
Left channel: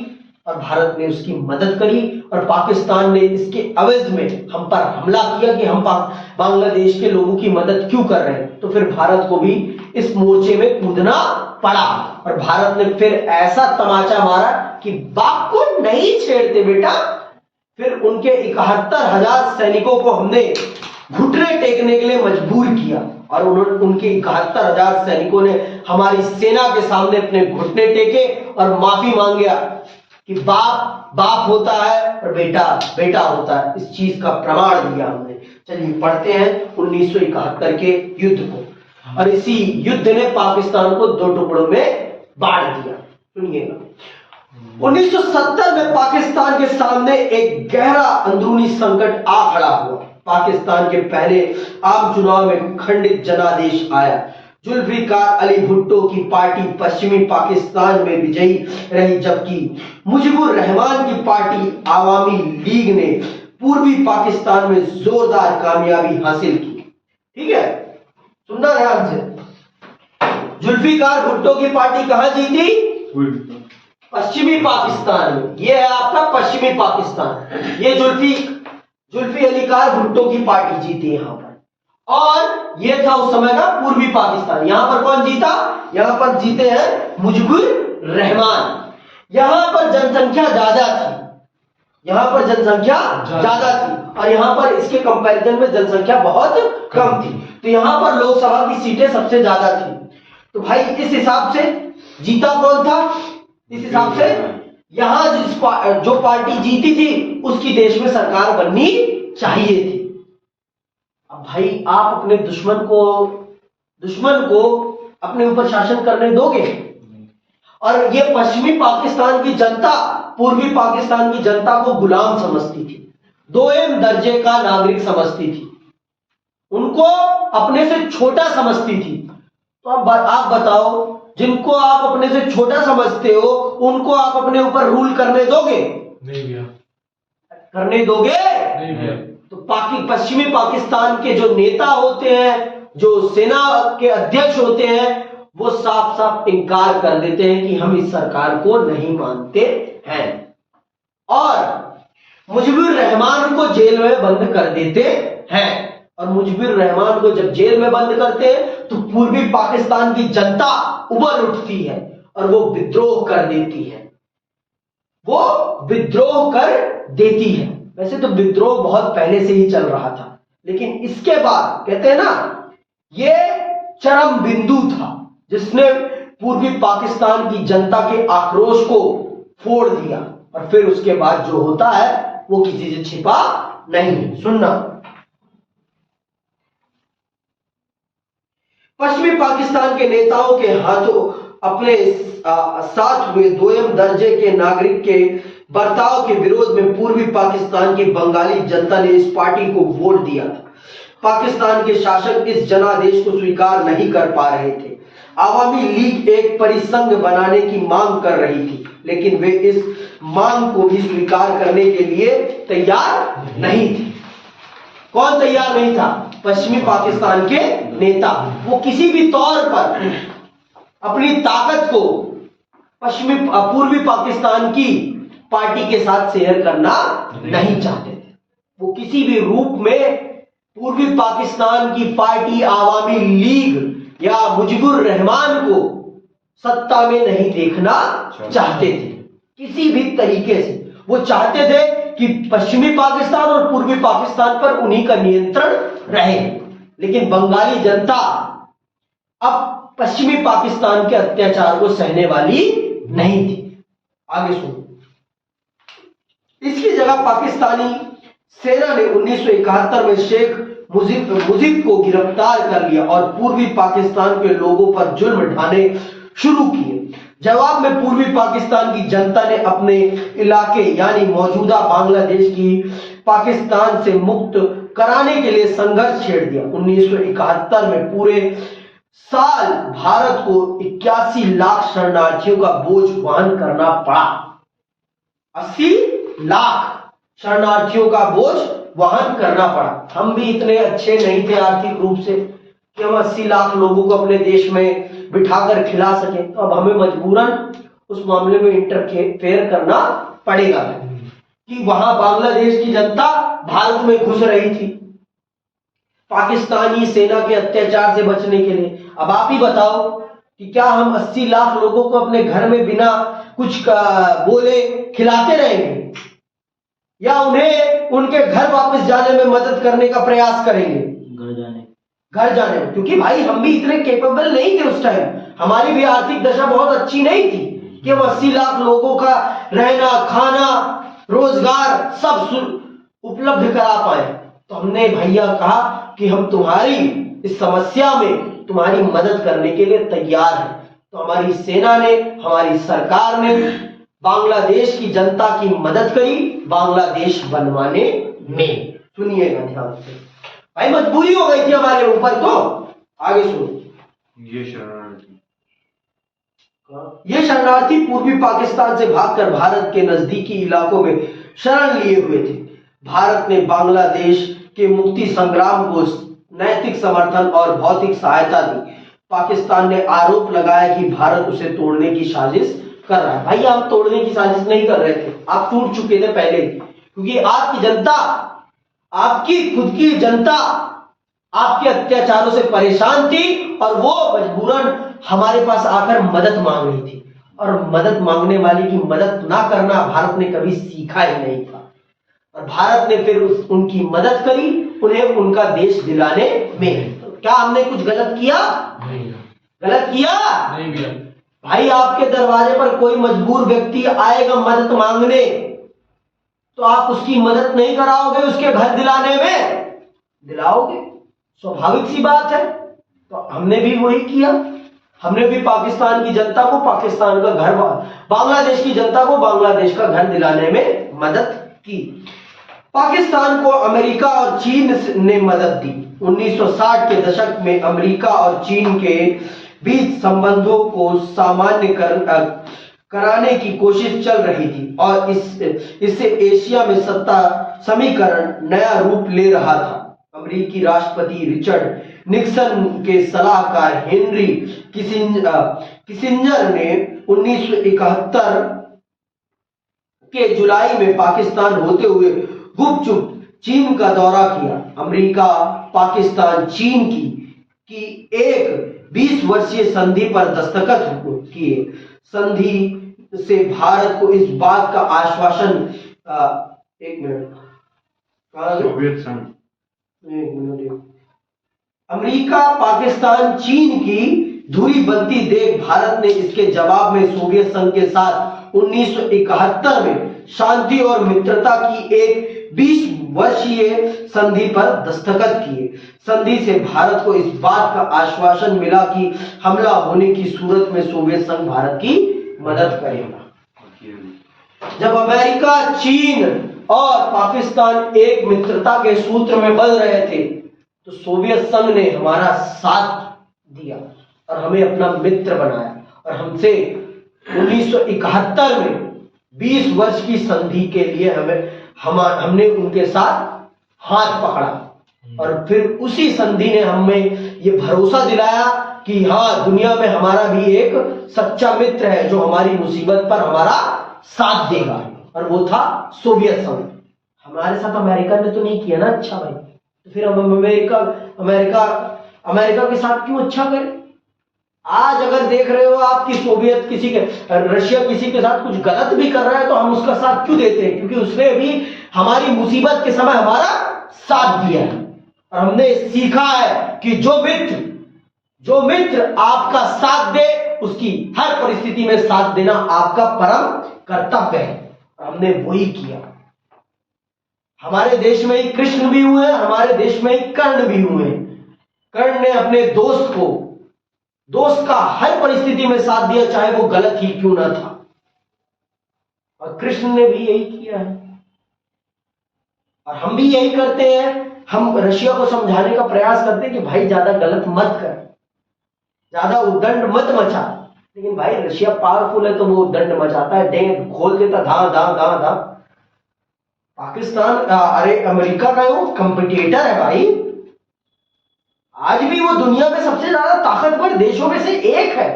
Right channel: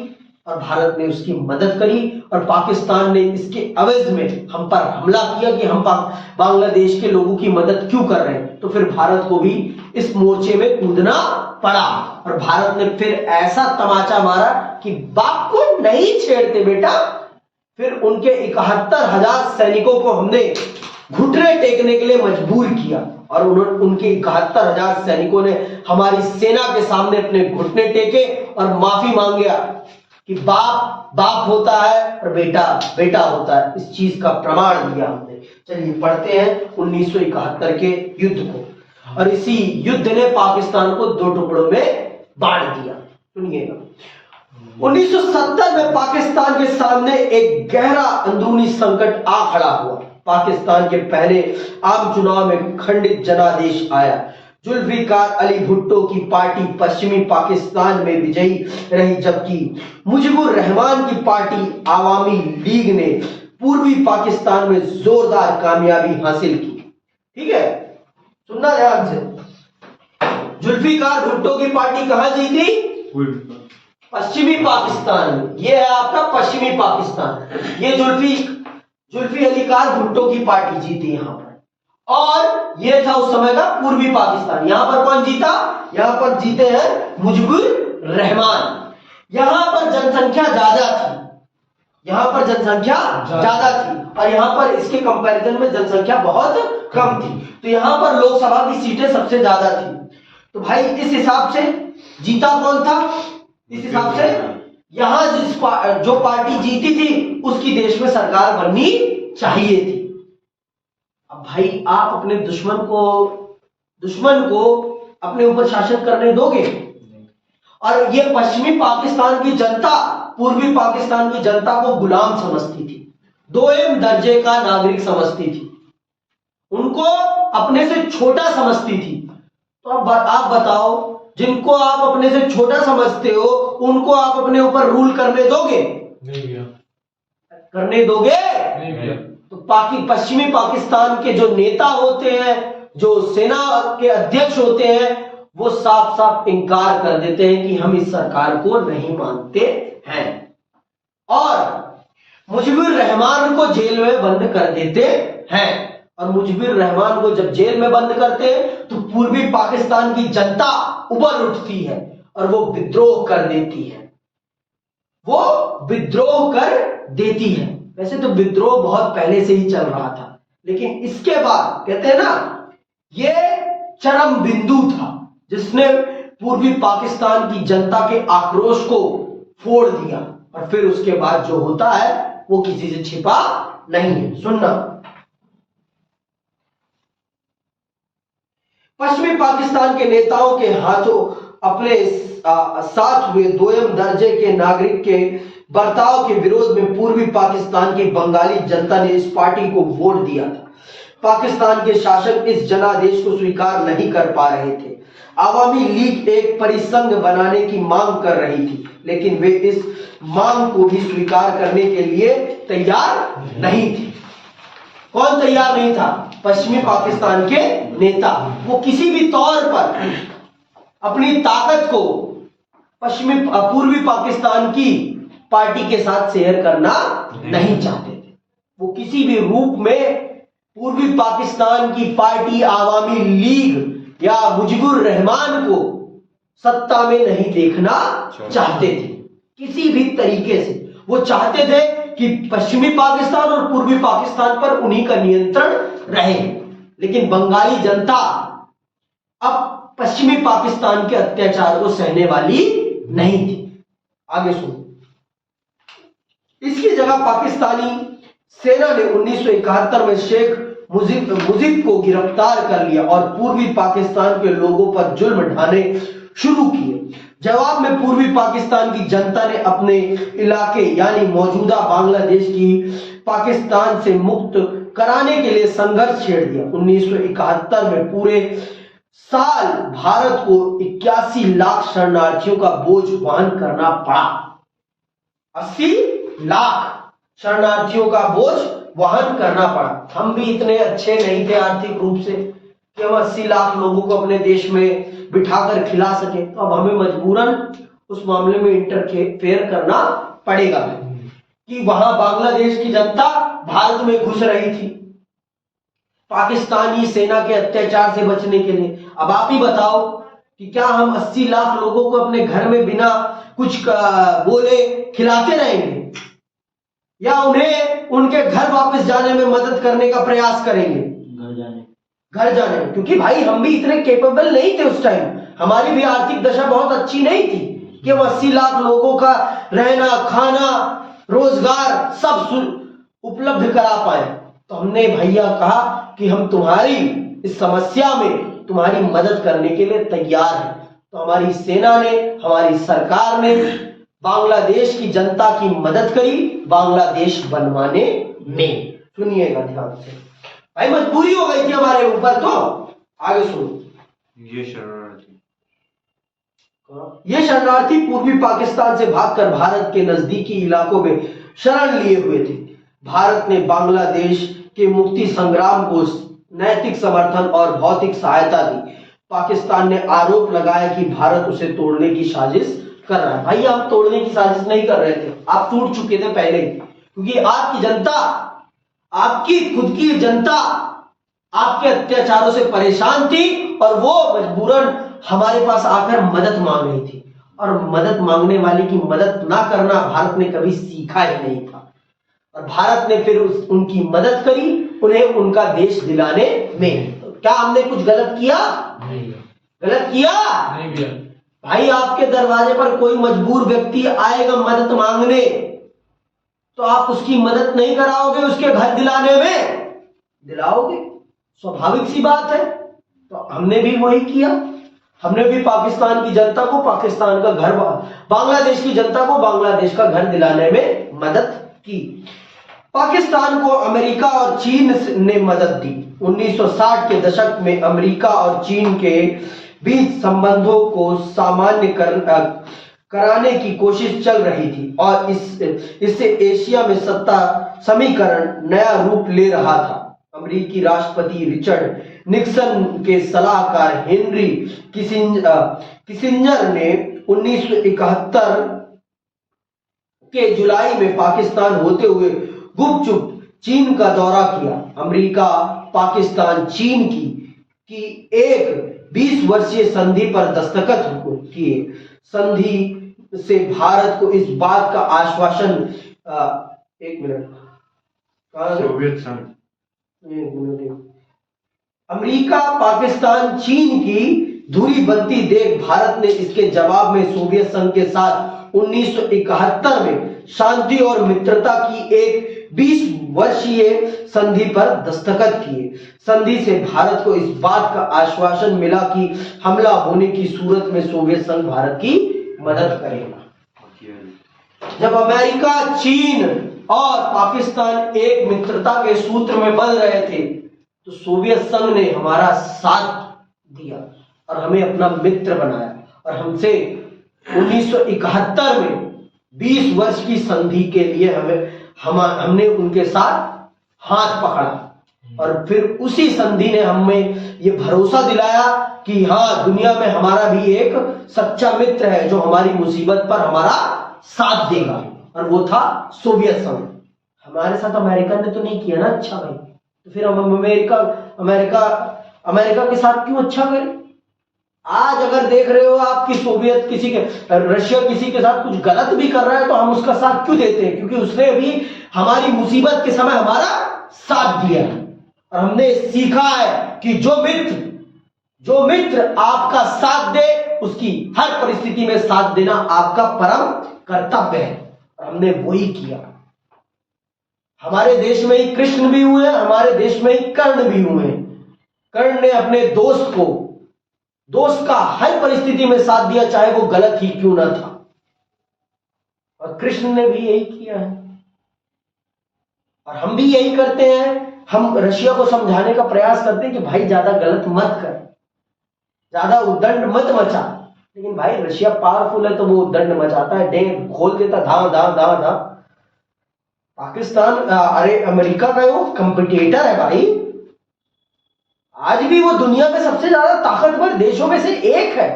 और भारत ने उसकी मदद करी, और पाकिस्तान ने इसके एवज में हम पर हमला किया कि हम बांग्लादेश के लोगों की मदद क्यों कर रहे हैं। तो फिर भारत को भी इस मोर्चे में कूदना पड़ा, और भारत ने फिर ऐसा तमाचा मारा कि बाप को नहीं छेड़ते बेटा। फिर उनके 71,000 सैनिकों को हमने घुटने टेकने के लिए मजबूर किया, और उनके 71,000 सैनिकों ने हमारी सेना के सामने अपने घुटने टेके और माफी मांगा कि बाप बाप होता है और बेटा बेटा होता है। इस चीज का प्रमाण दिया हमने। चलिए पढ़ते हैं 1971 के युद्ध को, और इसी युद्ध ने पाकिस्तान को 2 टुकड़ों में बांट दिया। सुनिएगा, 1970 में पाकिस्तान के सामने एक गहरा अंदरूनी संकट आ खड़ा हुआ। पाकिस्तान के पहले आम चुनाव में खंडित जनादेश आया। जुल्फिकार अली भुट्टो की पार्टी पश्चिमी पाकिस्तान में विजयी रही, जबकि मुजीबुर रहमान की पार्टी आवामी लीग ने पूर्वी पाकिस्तान में जोरदार कामयाबी हासिल की। ठीक है, सुनना ध्यान से। जुल्फिकार भुट्टो की पार्टी कहां जीती? पश्चिमी पाकिस्तान में। यह है आपका पश्चिमी पाकिस्तान। ये जुल्फी अलीकार भुट्टो की पार्टी जीती यहां पर, और यह था उस समय का पूर्वी पाकिस्तान। यहां पर कौन जीता? यहां पर जीते हैं मुजीबुर रहमान। यहां पर जनसंख्या ज्यादा थी, यहां पर जनसंख्या ज्यादा थी, और यहां पर इसके कंपैरिजन में जनसंख्या बहुत कम थी। तो यहां पर लोकसभा की सीटें सबसे ज्यादा थी। तो भाई इस हिसाब से जीता कौन था? इस हिसाब से यहां जो पार्टी जीती थी उसकी देश में सरकार बननी चाहिए थी। अब भाई आप अपने दुश्मन को अपने ऊपर शासन करने दोगे? और ये पश्चिमी पाकिस्तान की जनता पूर्वी पाकिस्तान की जनता को गुलाम समझती थी, 2M दर्जे का नागरिक समझती थी, उनको अपने से छोटा समझती थी। तो अब आप बताओ, जिनको आप अपने से छोटा समझते हो उनको आप अपने ऊपर रूल करने दोगे? नहीं करने दोगे? नहीं। तो पश्चिमी पाकिस्तान के जो नेता होते हैं, जो सेना के अध्यक्ष होते हैं, वो साफ साफ इनकार कर देते हैं कि हम इस सरकार को नहीं मानते हैं, और मुजीबुर रहमान को जेल में बंद कर देते हैं। और मुजीबुर रहमान को जब जेल में बंद करते हैं तो पूर्वी पाकिस्तान की जनता उबल उठती है और वो विद्रोह कर देती है, वो विद्रोह कर देती है। वैसे तो विद्रोह बहुत पहले से ही चल रहा था, लेकिन इसके बाद कहते हैं ना, ये चरम बिंदु था जिसने पूर्वी पाकिस्तान की जनता के आक्रोश को फोड़ दिया, और फिर उसके बाद जो होता है वो किसी से छिपा नहीं है। सुनना, पश्चिमी पाकिस्तान के नेताओं के हाथों अपने साथ हुए 2M दर्जे के नागरिक के बर्ताव के विरोध में पूर्वी पाकिस्तान की बंगाली जनता ने इस पार्टी को वोट दिया था। पाकिस्तान के शासक इस जनादेश को स्वीकार नहीं कर पा रहे थे। आवामी लीग एक परिसंघ बनाने की मांग कर रही थी, लेकिन वे इस मांग को भी स्वीकार करने के लिए तैयार नहीं थे। कौन तैयार नहीं था? पश्चिमी पाकिस्तान के नेता। वो किसी भी तौर पर अपनी ताकत को पूर्वी पाकिस्तान की पार्टी के साथ शेयर करना नहीं चाहते थे। वो किसी भी रूप में पूर्वी पाकिस्तान की पार्टी आवामी लीग या मुजीबुर रहमान को सत्ता में नहीं देखना चाहते थे किसी भी तरीके से। वो चाहते थे कि पश्चिमी पाकिस्तान और पूर्वी पाकिस्तान पर उन्हीं का नियंत्रण रहे, लेकिन बंगाली जनता अब पश्चिमी पाकिस्तान के अत्याचार को सहने वाली नहीं थी। आगे सुनो। इसकी जगह पाकिस्तानी सेना ने 1971 में शेख मुजीब को गिरफ्तार कर लिया और पूर्वी पाकिस्तान के लोगों पर जुल्म ढाने शुरू किए। जवाब में पूर्वी पाकिस्तान की जनता ने अपने इलाके यानी मौजूदा बांग्लादेश की पाकिस्तान से मुक्त कराने के लिए संघर्ष छेड़ दिया। 1971 में पूरे साल भारत को 81 लाख शरणार्थियों का बोझ वहन करना पड़ा। 80 लाख शरणार्थियों का बोझ वहन करना पड़ा। हम भी इतने अच्छे नहीं थे आर्थिक रूप से कि हम 80 लाख लोगों को अपने देश में बिठाकर खिला सके, तो अब हमें मजबूरन उस मामले में इंटरफेयर करना पड़ेगा कि वहां बांग्लादेश की जनता भारत में घुस रही थी पाकिस्तानी सेना के अत्याचार से बचने के लिए। अब आप ही बताओ कि क्या हम 80 लाख लोगों को अपने घर में बिना कुछ बोले खिलाते रहेंगे, या उन्हें उनके घर वापस जाने में मदद करने का प्रयास करेंगे? घर जाने में, क्योंकि भाई हम भी इतने केपेबल नहीं थे उस टाइम, हमारी भी आर्थिक दशा बहुत अच्छी नहीं थी कि हम 80 लाख लोगों का रहना, खाना, रोजगार सब उपलब्ध करा पाए। तो हमने भैया कहा कि हम तुम्हारी इस समस्या में तुम्हारी मदद करने के लिए तैयार हैं। तो हमारी सेना ने, हमारी सरकार ने बांग्लादेश की जनता की मदद करी बांग्लादेश बनवाने में। सुनिएगा ध्यान से भाई, मजबूरी हो गई थी हमारे ऊपर। तो आगे सुनो। ये शरणार्थी पूर्वी पाकिस्तान से भागकर भारत के नजदीकी इलाकों में शरण लिए हुए थे। भारत ने बांग्लादेश के मुक्ति संग्राम को नैतिक समर्थन और भौतिक सहायता दी। पाकिस्तान ने आरोप लगाया कि भारत उसे तोड़ने की साजिश कर रहा है। भाई आप तोड़ने की साजिश नहीं कर रहे थे, आप टूट चुके थे पहले ही, क्योंकि आपकी जनता, आपकी खुद की जनता आपके अत्याचारों से परेशान थी और वो मजबूरन हमारे पास आकर मदद मांग रही थी। और मदद मांगने वाले की मदद ना करना भारत ने कभी सीखा ही नहीं था। और भारत ने फिर उनकी मदद करी, उन्हें उनका देश दिलाने में। तो क्या हमने कुछ गलत किया? नहीं। गलत किया? नहीं किया। भाई आपके दरवाजे पर कोई मजबूर व्यक्ति आएगा मदद मांगने, तो आप उसकी मदद नहीं कराओगे, उसके घर दिलाने में दिलाओगे, स्वाभाविक सी बात है। तो हमने भी वही किया। हमने भी पाकिस्तान की जनता को पाकिस्तान का घर, बांग्लादेश की जनता को बांग्लादेश का घर दिलाने में मदद की। पाकिस्तान को अमेरिका और चीन ने मदद दी। 1960 के दशक में अमेरिका और चीन के बीच संबंधों को सामान्य कराने की कोशिश चल रही थी और इससे एशिया में सत्ता समीकरण नया रूप ले रहा था। अमेरिकी राष्ट्रपति रिचर्ड निक्सन के सलाहकार हेनरी किसिंजर ने 1971 के जुलाई में पाकिस्तान होते हुए गुपचुप चीन का दौरा किया। अमेरिका, पाकिस्तान, चीन की एक 20 वर्षीय संधि पर दस्तखत किए। संधि से भारत को इस बात का आश्वासन, एक मिनट, सोवियत संघ, एक मिनट, अमेरिका, पाकिस्तान, चीन की धुरी बनती देख भारत ने इसके जवाब में सोवियत संघ के साथ 1971 में शांति और मित्रता की एक 20 वर्षीय संधि पर दस्तखत किए। संधि से भारत को इस बात का आश्वासन मिला कि हमला होने की सूरत में सोवियत संघ भारत की मदद करेगा। जब अमेरिका, चीन और पाकिस्तान एक मित्रता के सूत्र में बंध रहे थे, तो सोवियत संघ ने हमारा साथ दिया और हमें अपना मित्र बनाया और हमसे 1971 में 20 वर्ष की संधि के लिए हमने उनके साथ हाथ पकड़ा और फिर उसी संधि ने हमें ये भरोसा दिलाया कि हाँ, दुनिया में हमारा भी एक सच्चा मित्र है जो हमारी मुसीबत पर हमारा साथ देगा, और वो था सोवियत संघ। हमारे साथ अमेरिका ने तो नहीं किया ना अच्छा भाई, तो फिर हम अमेरिका के साथ क्यों अच्छा करें? आज अगर देख रहे हो आप कि सोवियत किसी के रशिया किसी के साथ कुछ गलत भी कर रहा है तो हम उसका साथ क्यों देते हैं? क्योंकि उसने भी हमारी मुसीबत के समय हमारा साथ दिया है। और हमने सीखा है कि जो मित्र आपका साथ दे उसकी हर परिस्थिति में साथ देना आपका परम कर्तव्य है। और हमने वही किया। हमारे देश में ही कृष्ण भी हुए, हमारे देश में ही कर्ण भी हुए। कर्ण ने अपने दोस्त का हर परिस्थिति में साथ दिया, चाहे वो गलत ही क्यों ना था। और कृष्ण ने भी यही किया है और हम भी यही करते हैं। हम रशिया को समझाने का प्रयास करते हैं कि भाई ज्यादा गलत मत कर, ज्यादा उद्दंड मत मचा। लेकिन भाई रशिया पावरफुल है तो वो उद्दंड मचाता है, डेंग खोल देता, धा धा धा धा। पाकिस्तान अरे अमेरिका का वो कंपिटिटर है भाई। आज भी वो दुनिया में सबसे ज्यादा ताकतवर देशों में से एक है।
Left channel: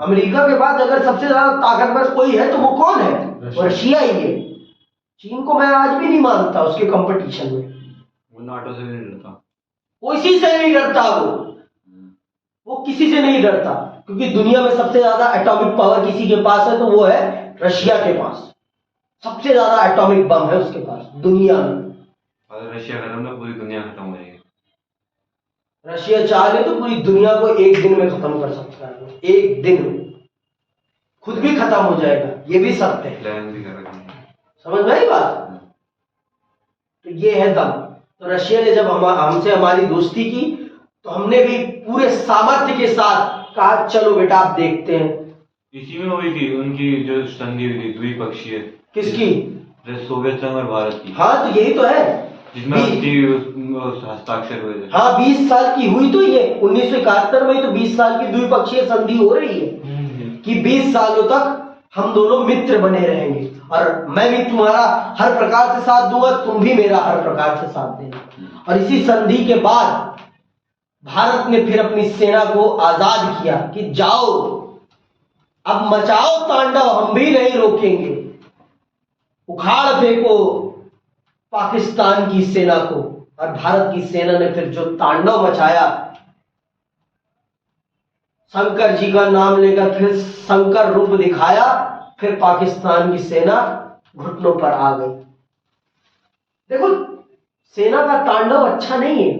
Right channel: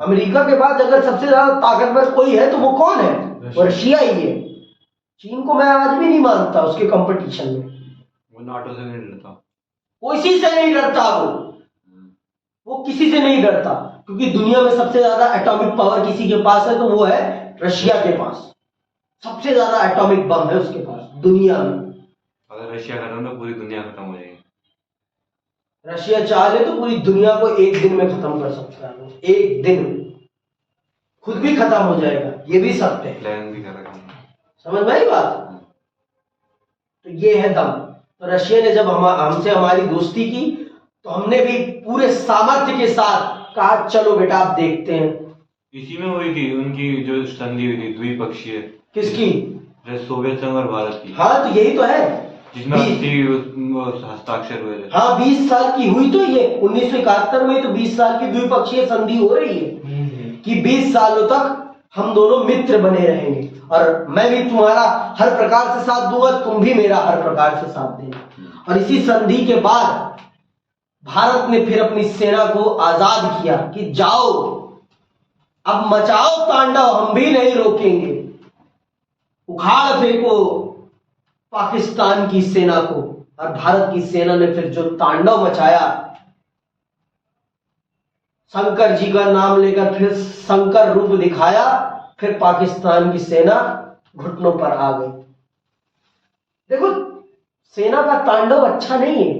अमेरिका के बाद अगर सबसे ज्यादा ताकतवर कोई है तो वो कौन है? वो रशिया ही है। चीन को मैं आज भी नहीं मानता उसके कंपटीशन में। वो नाटो से नहीं डरता, किसी से नहीं डरता, वो किसी से नहीं डरता। क्योंकि दुनिया में सबसे ज्यादा एटॉमिक पावर किसी के पास है तो वो है रशिया के पास। सबसे ज्यादा एटॉमिक बम है उसके पास दुनिया में। अगर रशिया खत्म तो पूरी दुनिया खत्म हो जाएगी। रशिया चाहे तो पूरी दुनिया को एक दिन में खत्म कर सकता है। एक दिन में खुद भी खत्म हो जाएगा, ये भी सत्य है। प्लान भी कर रखा है। समझ में आई बात? तो ये है दम। तो रशिया ने जब हमसे हमारी दोस्ती की तो हमने भी पूरे सामर्थ्य के साथ कहा चलो बेटा आप देखते हैं। इसी में हुई थी उनकी जो संधि हुई थी द्विपक्षीय। किसकी? सोवियत संघ और भारत की। हाँ तो यही तो है जिसमें हस्ताक्षर हुए थे। हाँ 20 साल की हुई तो ये 1971 में तो 20 साल की द्विपक्षीय संधि हो रही है कि 20 सालों तक हम दोनों मित्र बने रहेंगे और मैं भी तुम्हारा हर प्रकार से साथ दूंगा, तुम भी मेरा हर प्रकार से साथ देना। और इसी संधि के बाद भारत ने फिर अपनी सेना को आजाद किया कि जाओ अब मचाओ तांडव, हम भी नहीं रोकेंगे। उखाड़ फेंको पाकिस्तान की सेना को। और भारत की सेना ने फिर जो तांडव मचाया, शंकर जी का नाम लेकर फिर शंकर रूप दिखाया, फिर पाकिस्तान की सेना घुटनों पर आ गई। देखो सेना का तांडव अच्छा नहीं है,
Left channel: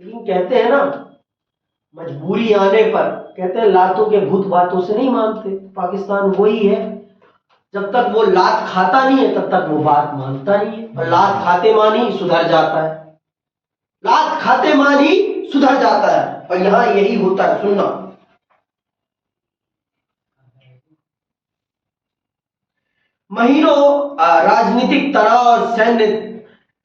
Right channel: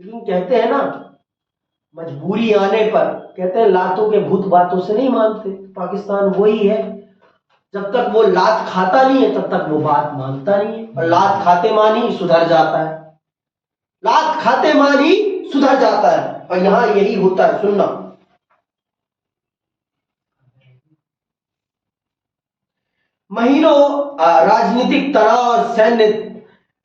लेकिन कहते हैं ना मजबूरी आने पर, कहते हैं लातों के भूत बातों से नहीं मानते। पाकिस्तान वही है, जब तक वो लात खाता नहीं है तब तक वो बात मानता नहीं है। और लात खाते मानी सुधर जाता है, लात खाते मानी सुधर जाता है। और यहां यही होता है। सुनना, महीनों राजनीतिक तनाव और सैन्य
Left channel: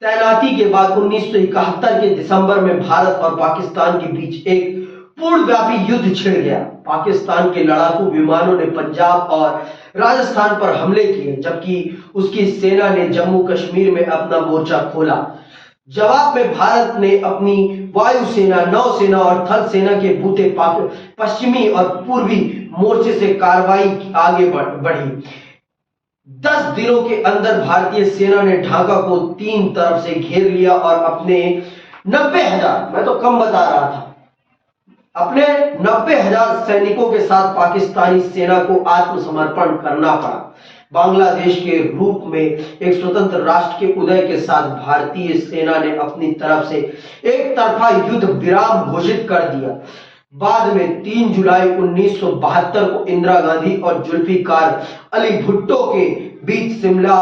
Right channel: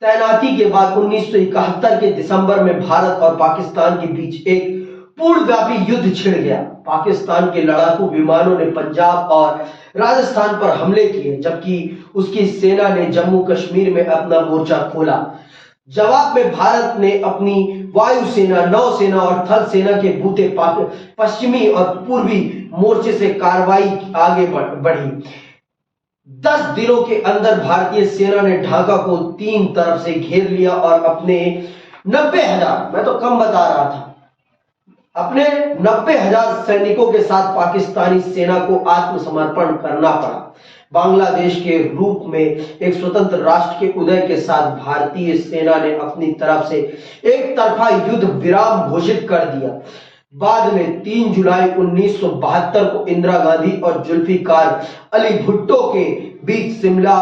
तैनाती के बाद 1971 के दिसंबर में भारत और पाकिस्तान के बीच एक पूर्णव्यापी युद्ध छिड़ गया। पाकिस्तान के लड़ाकू विमानों ने पंजाब और राजस्थान पर हमले किए, जबकि उसकी सेना ने जम्मू कश्मीर में अपना मोर्चा खोला। जवाब में भारत ने अपनी वायुसेना, नौसेना और थल सेना के बूते पश्चिमी और पूर्वी मोर्चे से कार्रवाई आगे बढ़ी। 10 दिनों के अंदर भारतीय सेना ने ढाका को 3 तरफ से घेर लिया और अपने 90,000, मैं तो कम बता रहा था, अपने 90,000 सैनिकों के साथ पाकिस्तानी सेना को आत्मसमर्पण करना पड़ा। बांग्लादेश के रूप में एक स्वतंत्र राष्ट्र के उदय के साथ भारतीय सेना ने अपनी तरफ से एक तरफा युद्ध विराम घोषित कर दिया। बाद में 3 जुलाई 1972 को इंदिरा गांधी और जुल्फिकार अली भुट्टो के बीच शिमला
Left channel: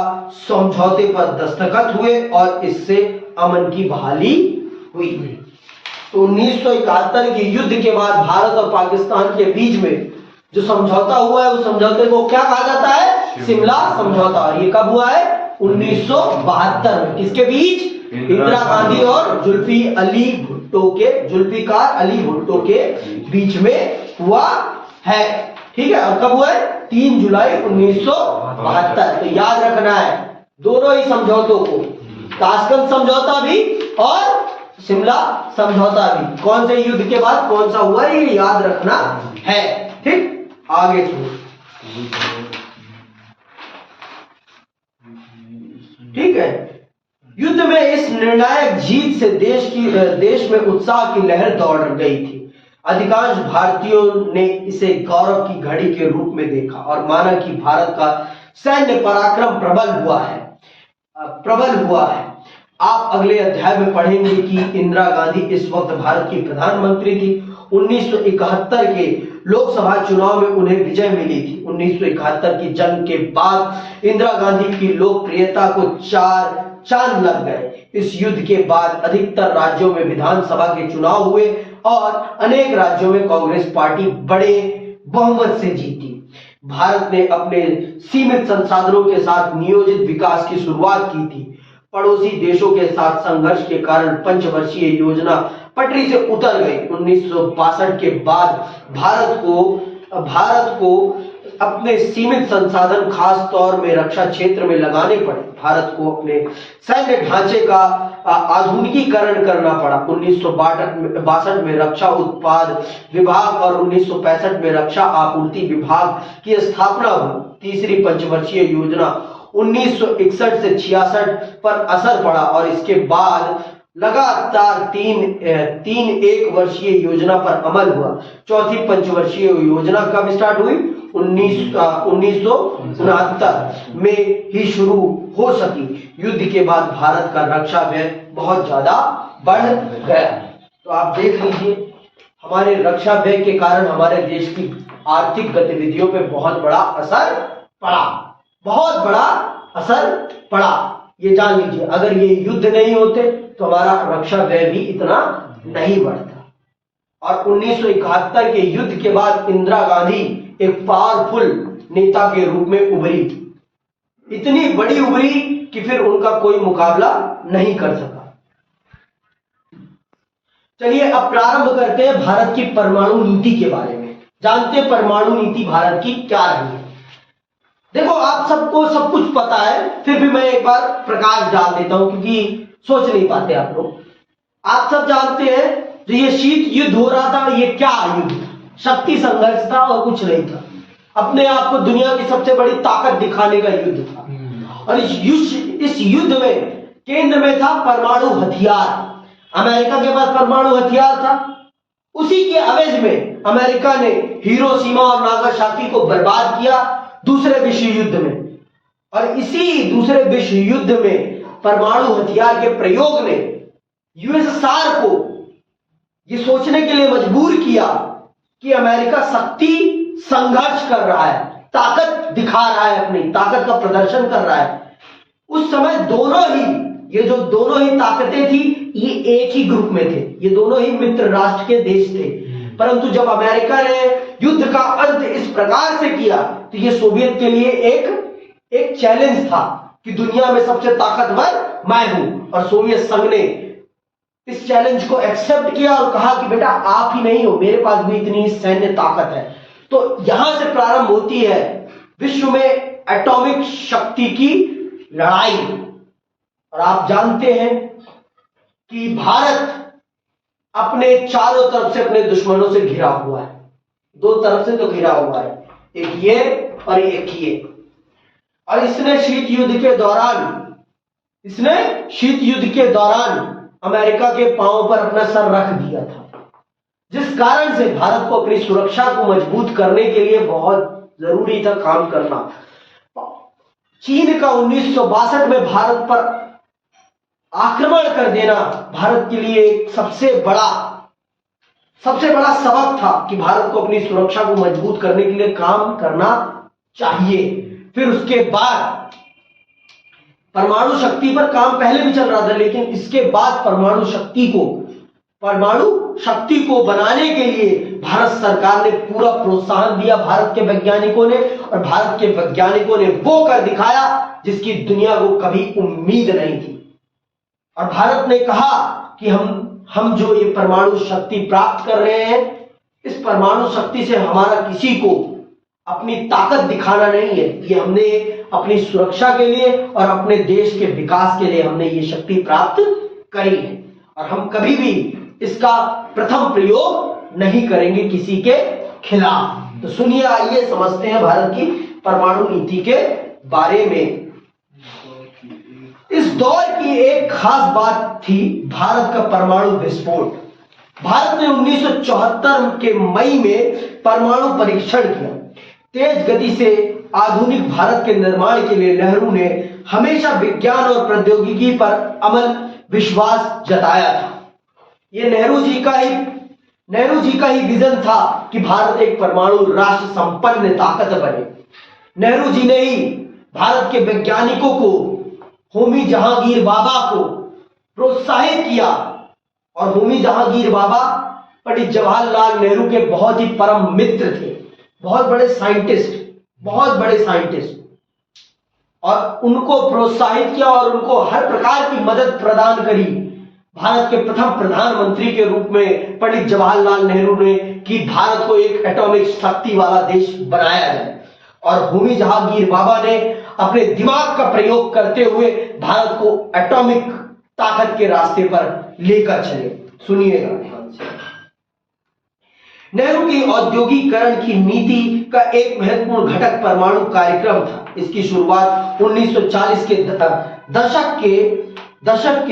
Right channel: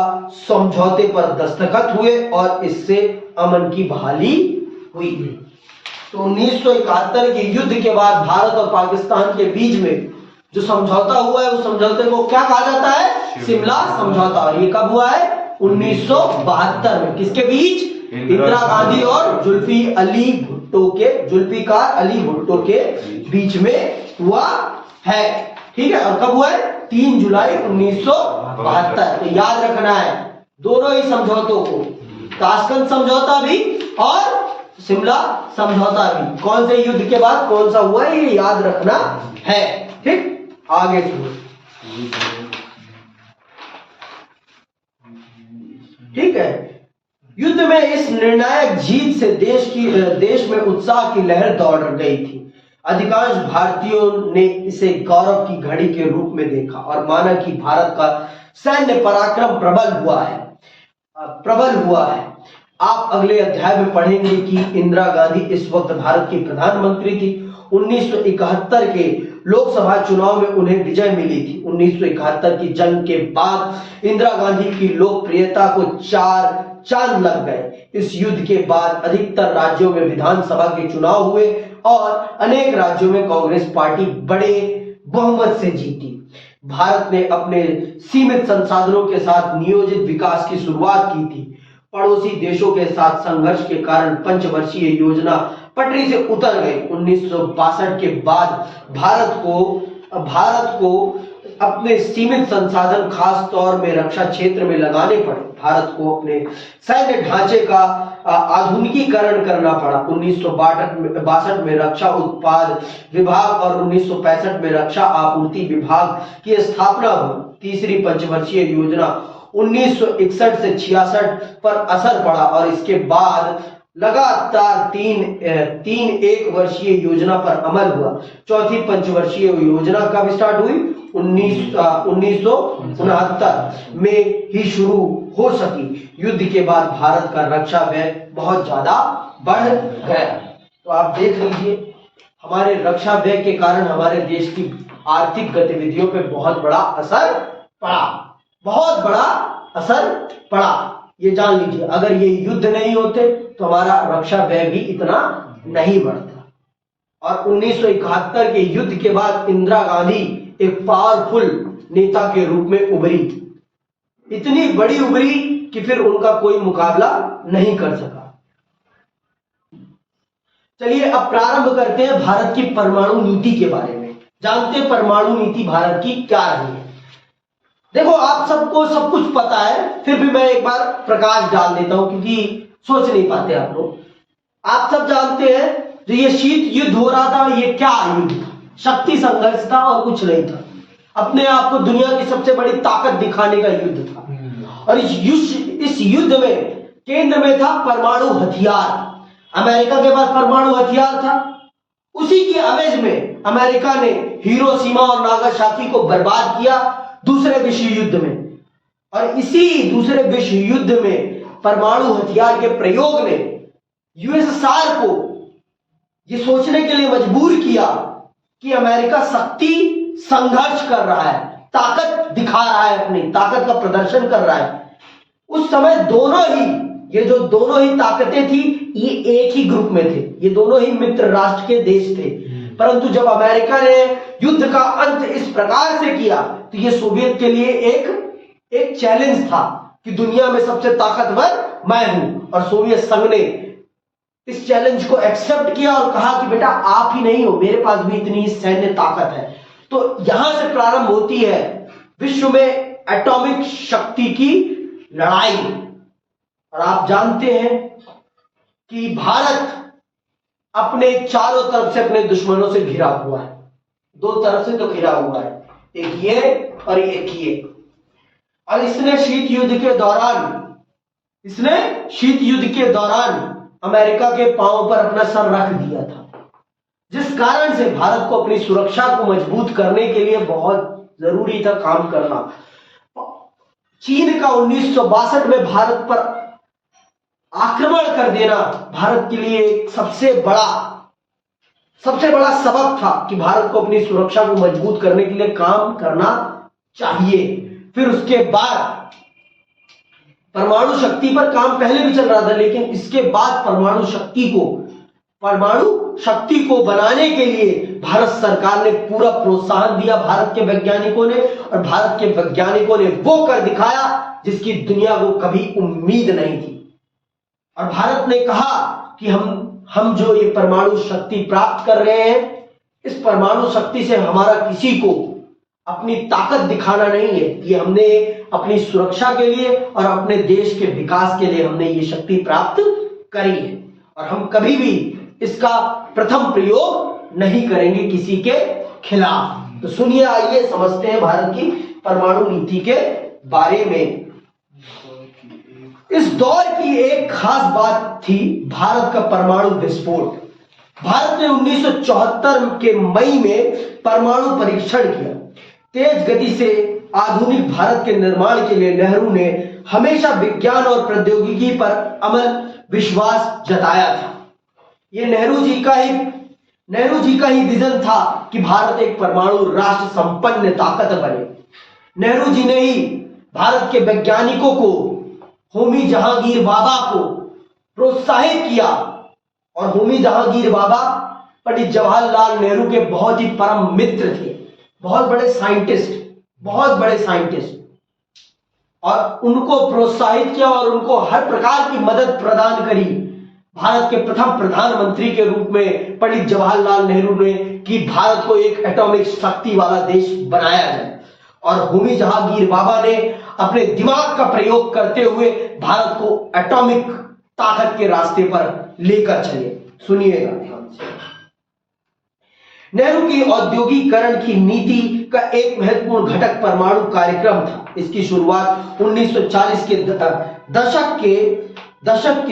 समझौते पर दस्तखत हुए और इससे अमन की बहाली हुई। तो 1971 के युद्ध के बाद भारत और पाकिस्तान के बीच में जो समझौता हुआ है उस समझौते को क्या कहा जाता है? शिमला समझौता। और ये कब हुआ है? 1972 में। किसके बीच? इंदिरा गांधी और जुल्फिकार अली भुट्टो के बीच में हुआ है। ठीक है। और कब हुआ है? 3 जुलाई 1972। तो याद रखना है दोनों ही समझौतों को, ताशकंद समझौता भी और शिमला समझौता भी। कौन से युद्ध के बाद कौन सा हुआ है ये याद रखना है। ठीक, आगे सुनो। ठीक है। युद्ध में इस निर्णायक जीत से देश में उत्साह की लहर दौड़ गई थी। अधिकांश भारतीयों ने इसे गौरव की घड़ी के रूप में देखा और माना कि भारत का सैन्य पराक्रम प्रबल हुआ है। आप अगले अध्याय में पढ़ेंगे कि इंदिरा गांधी इस वक्त भारत की प्रधानमंत्री थी। 1971 के लोकसभा चुनाव में उन्हें विजय मिली थी। 1971 की जंग के बाद इंदिरा गांधी की लोकप्रियता को 4 चांद लग गए। इस युद्ध के बाद अधिकतर राज्यों में विधानसभा के चुनाव हुए और अनेक राज्यों में कांग्रेस पार्टी बड़े बहुमत से जीती। भारत ने अपने सीमित संसाधनों के साथ नियोजित विकास की शुरुआत की थी। पड़ोसी देशों के साथ संघर्ष के कारण पंचवर्षीय योजना पटरी से उतर गई। 1962 के बाद भारत को अपने सीमित संसाधन खास तौर में रक्षा क्षेत्र में लगाने पड़े। भारत को अपने सैन्य ढांचे का आधुनिकीकरण करना पड़ा। 1962 में रक्षा उत्पाद विभाग और 1965 में रक्षा आपूर्ति विभाग की स्थापना हुई। तीसरी पंचवर्षीय योजना 1961 से 66 पर असर पड़ा और इसके बाद लगातार तीन एक वर्षीय योजना पर अमल हुआ। चौथी पंचवर्षीय योजना कब स्टार्ट हुई? 1969 में ही शुरू हो सकी। युद्ध के बाद भारत का रक्षा व्यय बहुत ज्यादा बढ़ गया। तो आप देख लीजिए, हमारे रक्षा व्यय के कारण हमारे देश की आर्थिक गतिविधियों पे बहुत बड़ा असर पड़ा। ये जान लीजिए, अगर ये युद्ध नहीं होते तो हमारा रक्षा व्यय भी इतना नहीं बढ़ता। और 1971 के युद्ध के बाद इंदिरा गांधी एक पावरफुल नेता के रूप में उभरी, इतनी बड़ी उभरी कि फिर उनका कोई मुकाबला नहीं कर सका। चलिए अब प्रारंभ करते हैं भारत की परमाणु नीति के बारे में। जानते हैं परमाणु नीति भारत की क्या रही है? देखो, आप सबको सब कुछ पता है, फिर भी मैं एक बार प्रकाश डाल देता हूं क्योंकि सोच नहीं पाते आप लोग। आप सब जानते हैं जो ये शीत युद्ध हो रहा था, ये क्या युद्ध था? शक्ति संघर्ष था और कुछ नहीं था। अपने आप को दुनिया की सबसे बड़ी ताकत दिखाने का युद्ध था। और इस युद्ध में केंद्र में था परमाणु हथियार। अमेरिका के पास परमाणु हथियार था। उसी के एवज में अमेरिका ने हिरोशिमा और नागासाकी को बर्बाद किया दूसरे विश्व युद्ध में। और इसी दूसरे विश्व युद्ध में परमाणु हथियार के प्रयोग ने यूएसएसआर को यह सोचने के लिए मजबूर किया कि अमेरिका शक्ति संघर्ष कर रहा है, ताकत दिखा रहा है, अपनी ताकत का प्रदर्शन कर रहा है। उस समय दोनों ही ताकतें थी, ये एक ही ग्रुप में थे। ये दोनों ही मित्र राष्ट्र के देश थे। परंतु जब अमेरिका ने युद्ध का अंत इस प्रकार से किया तो ये सोवियत के लिए एक चैलेंज था कि दुनिया में सबसे ताकतवर मैं हूं। और सोवियत संघ ने इस चैलेंज को एक्सेप्ट किया और कहा कि बेटा आप ही नहीं हो, मेरे पास भी इतनी सैन्य ताकत है। तो यहां से प्रारंभ होती है विश्व में एटॉमिक शक्ति की लड़ाई। और आप जानते हैं कि भारत अपने चारों तरफ से अपने दुश्मनों से घिरा हुआ है। दो तरफ से तो घिरा हुआ है, एक ये और एक ये। और इसने शीत युद्ध के दौरान अमेरिका के पांव पर अपना सर रख दिया था, जिस कारण से भारत को अपनी सुरक्षा को मजबूत करने के लिए बहुत जरूरी था काम करना। चीन का 1962 में भारत पर आक्रमण कर देना भारत के लिए एक सबसे बड़ा सबक था कि भारत को अपनी सुरक्षा को मजबूत करने के लिए काम करना चाहिए। फिर उसके बाद परमाणु शक्ति पर काम पहले भी चल रहा था, लेकिन इसके बाद परमाणु शक्ति को बनाने के लिए भारत सरकार ने पूरा प्रोत्साहन दिया भारत के वैज्ञानिकों ने। और भारत के वैज्ञानिकों ने वो कर दिखाया जिसकी दुनिया को कभी उम्मीद नहीं थी। और भारत ने कहा कि हम जो ये परमाणु शक्ति प्राप्त कर रहे हैं, इस परमाणु शक्ति से हमारा किसी को अपनी ताकत दिखाना नहीं है। ये हमने अपनी सुरक्षा के लिए और अपने देश के विकास के लिए हमने ये शक्ति प्राप्त करी है। और हम कभी भी इसका प्रथम प्रयोग नहीं करेंगे किसी के खिलाफ। तो सुनिए, आइए समझते हैं भारत की परमाणु नीति के बारे में। इस दौर की एक खास बात थी भारत का परमाणु विस्फोट। भारत ने 1974 के मई में परमाणु परीक्षण किया। तेज गति से आधुनिक भारत के निर्माण के लिए नेहरू ने हमेशा विज्ञान और प्रौद्योगिकी पर अमल विश्वास जताया था। यह नेहरू जी का ही विजन था कि भारत एक परमाणु राष्ट्र संपन्न ताकत बने। नेहरू जी ने ही भारत के वैज्ञानिकों को, होमी जहांगीर बाबा को प्रोत्साहित किया, और होमी जहांगीर बाबा पंडित जवाहरलाल नेहरू के बहुत ही परम मित्र थे, बहुत बड़े साइंटिस्ट, और उनको प्रोत्साहित किया और उनको हर प्रकार की मदद प्रदान करी। भारत के प्रथम प्रधानमंत्री के रूप में पंडित जवाहरलाल नेहरू ने कि भारत को एक एटॉमिक शक्ति वाला देश बनाया जाए, और होमी जहांगीर बाबा ने अपने दिमाग का प्रयोग करते हुए भारत को एटॉमिक ताकत के रास्ते पर लेकर चले। सुनिएगा ध्यान से। नेहरू की औद्योगिकरण की नीति का एक महत्वपूर्ण घटक परमाणु कार्यक्रम था। इसकी शुरुआत 1940 के दशक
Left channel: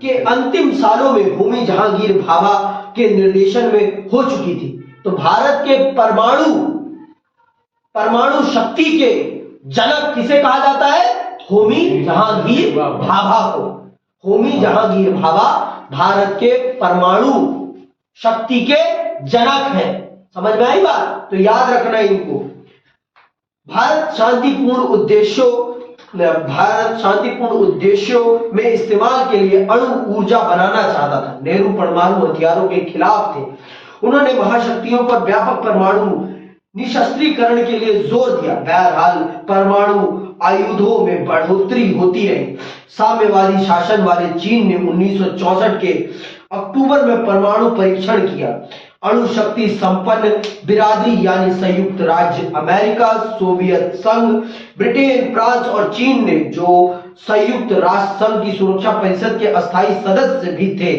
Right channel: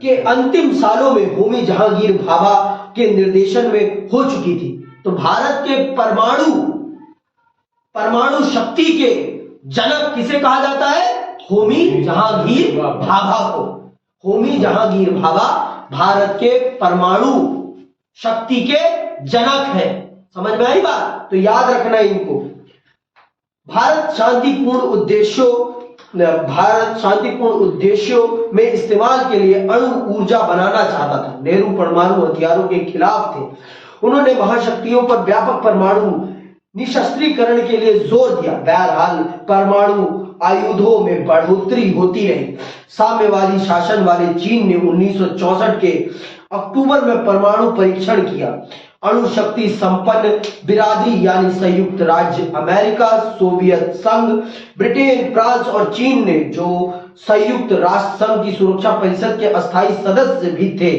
के अंतिम सालों में होमी जहांगीर भाभा के निर्देशन में हो चुकी थी। तो भारत के परमाणु शक्ति के जनक किसे कहा जाता है? होमी जहांगीर भाभा को। होमी जहांगीर भाभा भारत के परमाणु शक्ति के जनक हैं। समझ में आई बात? तो याद रखना इनको। भारत शांतिपूर्ण उद्देश्यों में इस्तेमाल के लिए अणु ऊर्जा बनाना चाहता था। नेहरू परमाणु हथियारों के खिलाफ थे। उन्होंने महाशक्तियों पर व्यापक परमाणु निशस्त्रीकरण के लिए जोर दिया। बहरहाल परमाणु आयुधों में बढ़ोतरी होती रही। साम्यवादी शासन वाले चीन ने 1964 के अक्टूबर में परमाणु परीक्षण किया। अणु शक्ति संपन्न बिरादरी यानी संयुक्त राज्य अमेरिका, सोवियत संघ, ब्रिटेन, फ्रांस और चीन ने, जो संयुक्त राष्ट्र संघ की सुरक्षा परिषद के अस्थायी सदस्य भी थे,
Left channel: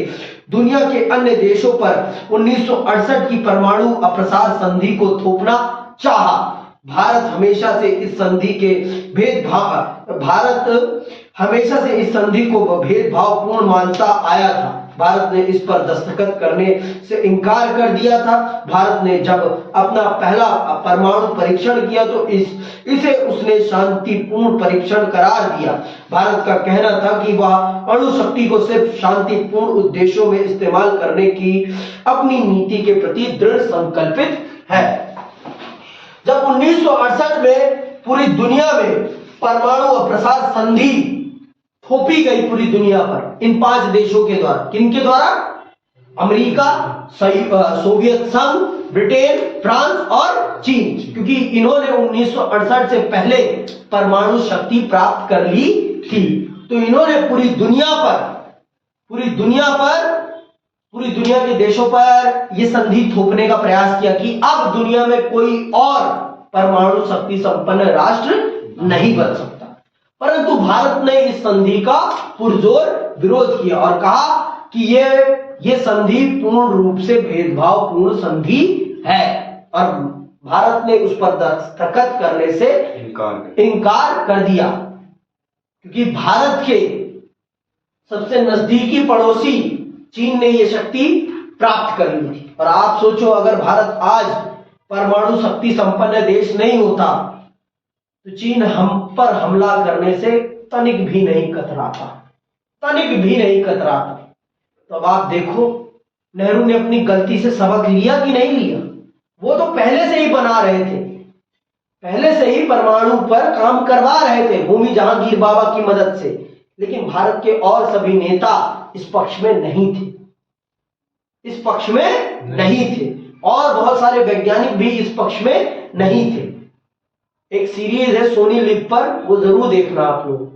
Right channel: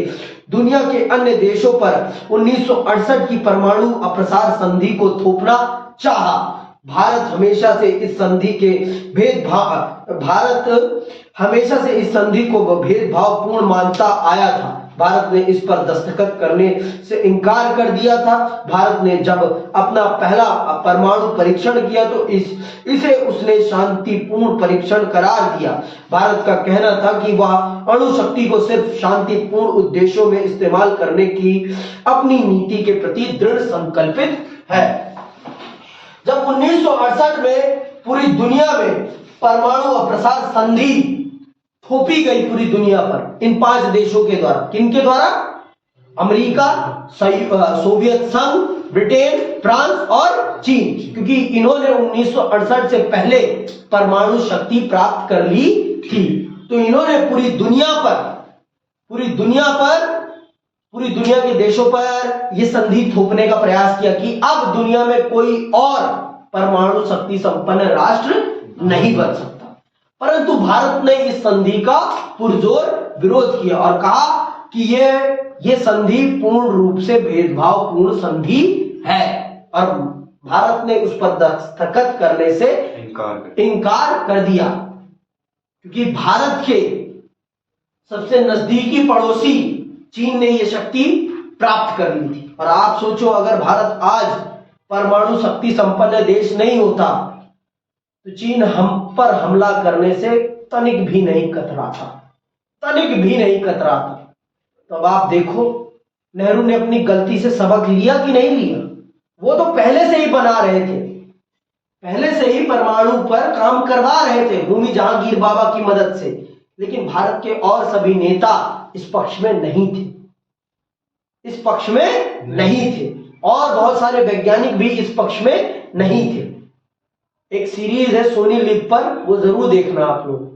दुनिया के अन्य देशों पर 1968 की परमाणु अप्रसार संधि को थोपना चाहा। भारत हमेशा से इस संधि को भेदभावपूर्ण मानता आया था। भारत ने इस पर दस्तखत करने से इनकार कर दिया था। भारत ने जब अपना पहला परमाणु परीक्षण किया तो इसे उसने शांतिपूर्ण परीक्षण करार दिया। भारत का कहना था कि वह अणु शक्ति को सिर्फ शांतिपूर्ण उद्देश्यों में इस्तेमाल करने की अपनी नीति के प्रति दृढ़ संकल्पित है। जब 1968 में पूरी दुनिया में परमाणु अप्रसार संधि थोपी गई पूरी दुनिया पर इन 5 देशों के द्वारा, किनके द्वारा? अमेरिका, सोवियत संघ, ब्रिटेन, फ्रांस और चीन, क्योंकि इन्होंने 1968 से पहले परमाणु शक्ति प्राप्त कर ली थी। तो इन्होंने पूरी दुनिया के देशों पर यह संधि थोपने का प्रयास किया कि अब दुनिया में कोई और परमाणु शक्ति संपन्न राष्ट्र नहीं बन सकता। परंतु भारत ने इस संधि का पुरजोर विरोध किया और कहा कि ये संधि पूर्ण रूप से भेदभावपूर्ण संधि है, और भारत ने उस पर दस्तखत करने से इनकार कर दिया, क्योंकि भारत के सबसे नजदीकी पड़ोसी चीन ने यह शक्ति प्राप्त कर ली थी। और आप सोचो, अगर भारत आज परमाणु शक्ति संपन्न देश नहीं होता तो चीन हम पर हमला करने से तनिक भी नहीं कतराता। तो अब आप देखो, नेहरू ने अपनी गलती से सबक लिया कि नहीं लिया? वो तो पहले से ही बना रहे थे, पहले से ही परमाणु पर काम करवा रहे थे होमी जहांगीर बाबा की मदद से, लेकिन भारत के और सभी नेता इस पक्ष में नहीं थे, और बहुत सारे वैज्ञानिक भी इस पक्ष में नहीं थे। एक सीरीज है सोनी लिव पर, वो जरूर देखना आप लोग।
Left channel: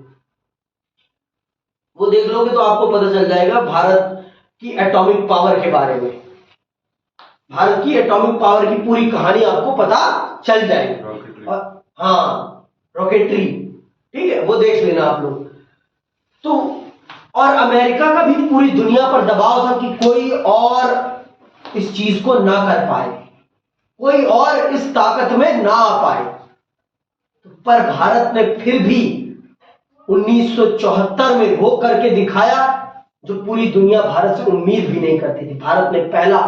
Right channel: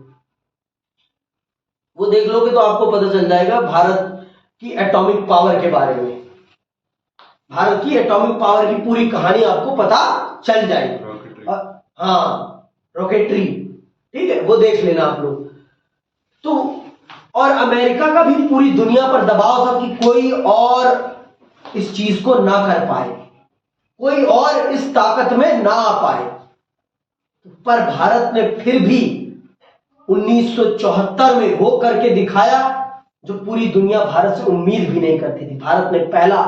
वो देख लोगे तो आपको पता चल जाएगा भारत की एटॉमिक पावर के बारे में। भारत की एटॉमिक पावर की पूरी कहानी आपको पता चल जाएगी। हाँ, रॉकेटरी, ठीक है, वो देख लेना आप लोग। तो और अमेरिका का भी पूरी दुनिया पर दबाव था कि कोई और इस चीज को ना कर पाए, कोई और इस ताकत में ना आ पाए। पर भारत ने फिर भी 1974 में वो करके दिखाया जो पूरी दुनिया भारत से उम्मीद भी नहीं करती थी। भारत ने पहला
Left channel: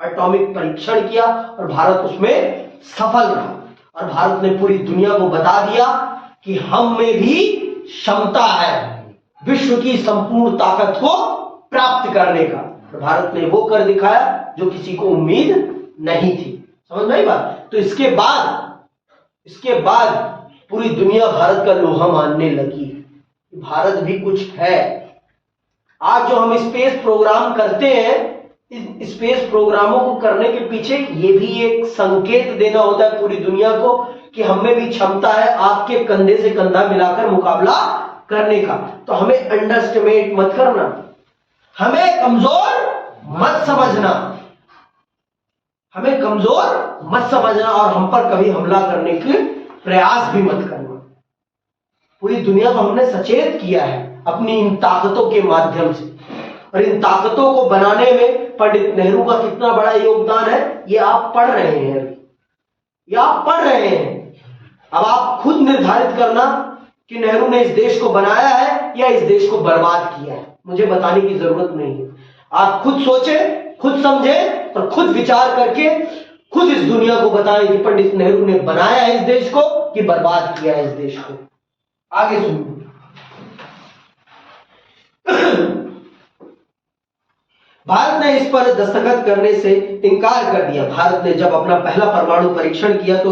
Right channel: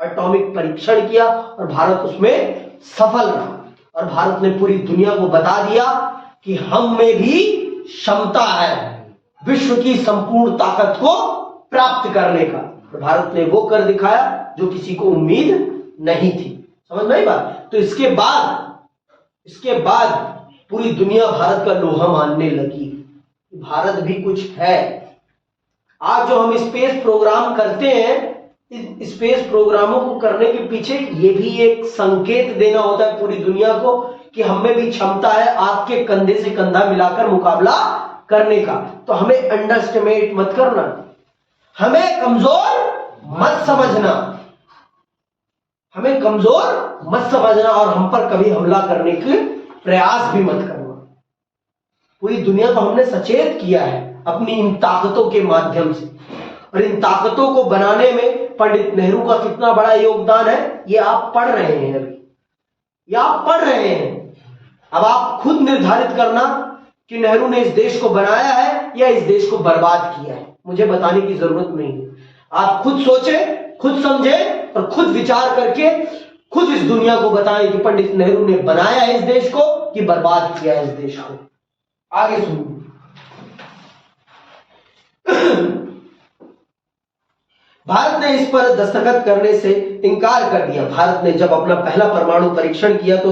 एटॉमिक परीक्षण किया और भारत उसमें सफल रहा और भारत ने पूरी दुनिया को बता दिया कि हम में भी क्षमता है विश्व की संपूर्ण ताकत को प्राप्त करने का। और भारत ने वो कर दिखाया जो किसी को उम्मीद नहीं थी। समझ में आई बात? तो इसके बाद पूरी दुनिया भारत का लोहा मानने लगी। भारत भी कुछ है। आज जो हम स्पेस प्रोग्राम करते हैं, इस स्पेस प्रोग्रामों को करने के पीछे ये भी एक संकेत देना होता है पूरी दुनिया को कि हम में भी क्षमता है आपके कंधे से कंधा मिलाकर मुकाबला करने का। तो हमें अंडरएस्टिमेट मत करना, हमें कमजोर मत समझना, हमें कमजोर मत समझना और हम पर कभी हमला करने के प्रयास भी मत करना। पूरी दुनिया को हमने सचेत किया है अपनी इन ताकतों के माध्यम से, और इन ताकतों को बनाने में पंडित नेहरू का कितना बड़ा योगदान है ये आप पढ़ रहे हैं अभी, ये आप पढ़ रहे हैं। अब आप खुद निर्धारित करना कि नेहरू ने इस देश को बनाया है या इस देश को बर्बाद किया है। मुझे बताने की जरूरत नहीं है। आप खुद सोचें, खुद समझें और खुद विचार करके खुद इस दुनिया को बताएं कि पंडित नेहरू ने बनाया है इस देश को कि बर्बाद किया है इस देश को। आगे सुनिए। भारत ने इस पर दस्तखत करने से इनकार कर दिया। भारत ने जब अपना पहला परमाणु परीक्षण किया तो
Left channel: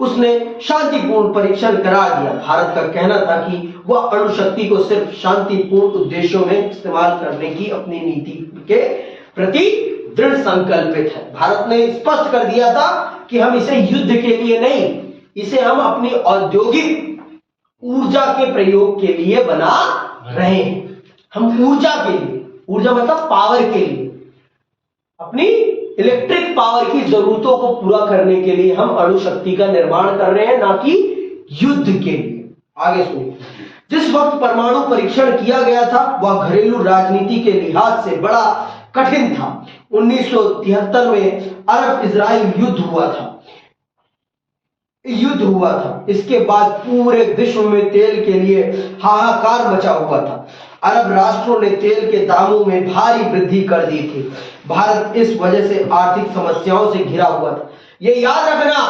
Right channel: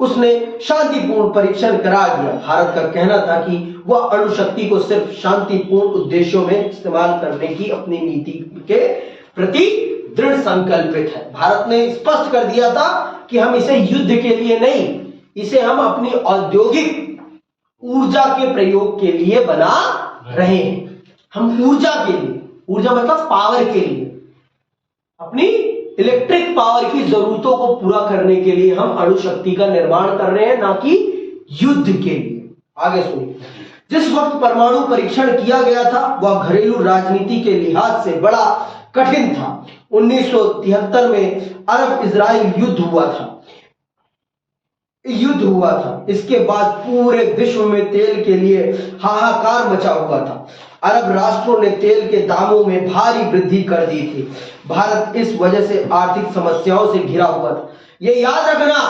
उसने शांतिपूर्ण परीक्षण करार दिया। भारत का कहना था कि वह अणु शक्ति को सिर्फ शांतिपूर्ण उद्देश्यों में इस्तेमाल करने की अपनी नीति के प्रति दृढ़ संकल्पित है। भारत ने स्पष्ट कर दिया था कि हम इसे युद्ध के लिए नहीं, इसे हम अपनी औद्योगिक ऊर्जा के प्रयोग के लिए बना रहे हैं। हम ऊर्जा के लिए, ऊर्जा मतलब पावर के लिए, अपनी इलेक्ट्रिक पावर की जरूरतों को पूरा करने के लिए हम अणु शक्ति का निर्माण कर रहे हैं, ना कि युद्ध के लिए। आगे सुनिए। जिस वक्त परमाणु परीक्षण किया गया था वह घरेलू राजनीति के लिहाज से बड़ा कठिन था। 1973 में अरब इजराइल युद्ध हुआ था। इसके बाद पूरे विश्व में तेल के लिए हाहाकार मचा हुआ था। अरब राष्ट्रों ने तेल के दामों में भारी वृद्धि कर दी थी। भारत इस वजह से आर्थिक समस्याओं से घिरा हुआ था। ये याद रखना,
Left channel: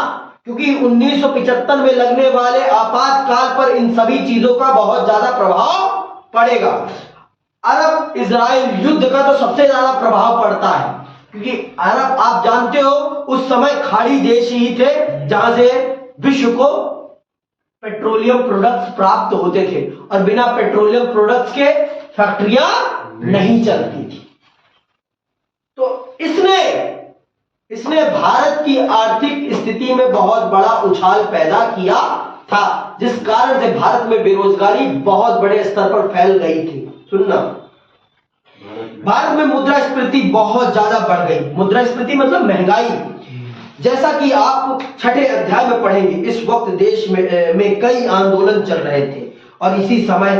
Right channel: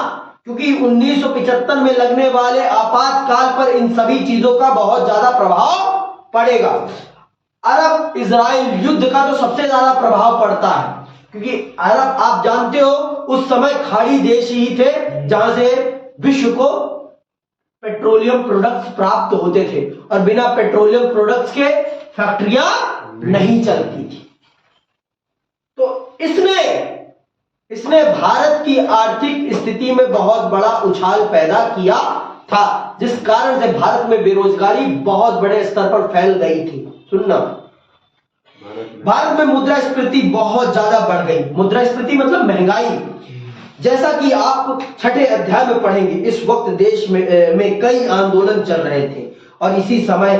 क्योंकि 1975 में लगने वाले आपातकाल पर इन सभी चीजों का बहुत ज्यादा प्रभाव पड़ेगा। अरब इजराइल युद्ध का तो सबसे ज्यादा प्रभाव पड़ता है, क्योंकि अरब, आप जानते हो, उस समय खाड़ी देश ही थे जहां से विश्व को पेट्रोलियम प्रोडक्ट्स प्राप्त होते थे और बिना पेट्रोलियम प्रोडक्ट्स के फैक्ट्रियां नहीं चलती थी। तो इसने भारत की आर्थिक स्थिति में बहुत बड़ा उछाल पैदा किया था, जिस कारण से भारत में बेरोजगारी बहुत बड़े स्तर पर फैल गई थी। सुनना, भारत में मुद्रास्फीति बहुत ज्यादा बढ़ गई। मुद्रास्फीति मतलब महंगाई। जैसा कि आप छठे अध्याय में पढ़ेंगे, इस वक्त देश में कई आंदोलन चल रहे थे और इसी समय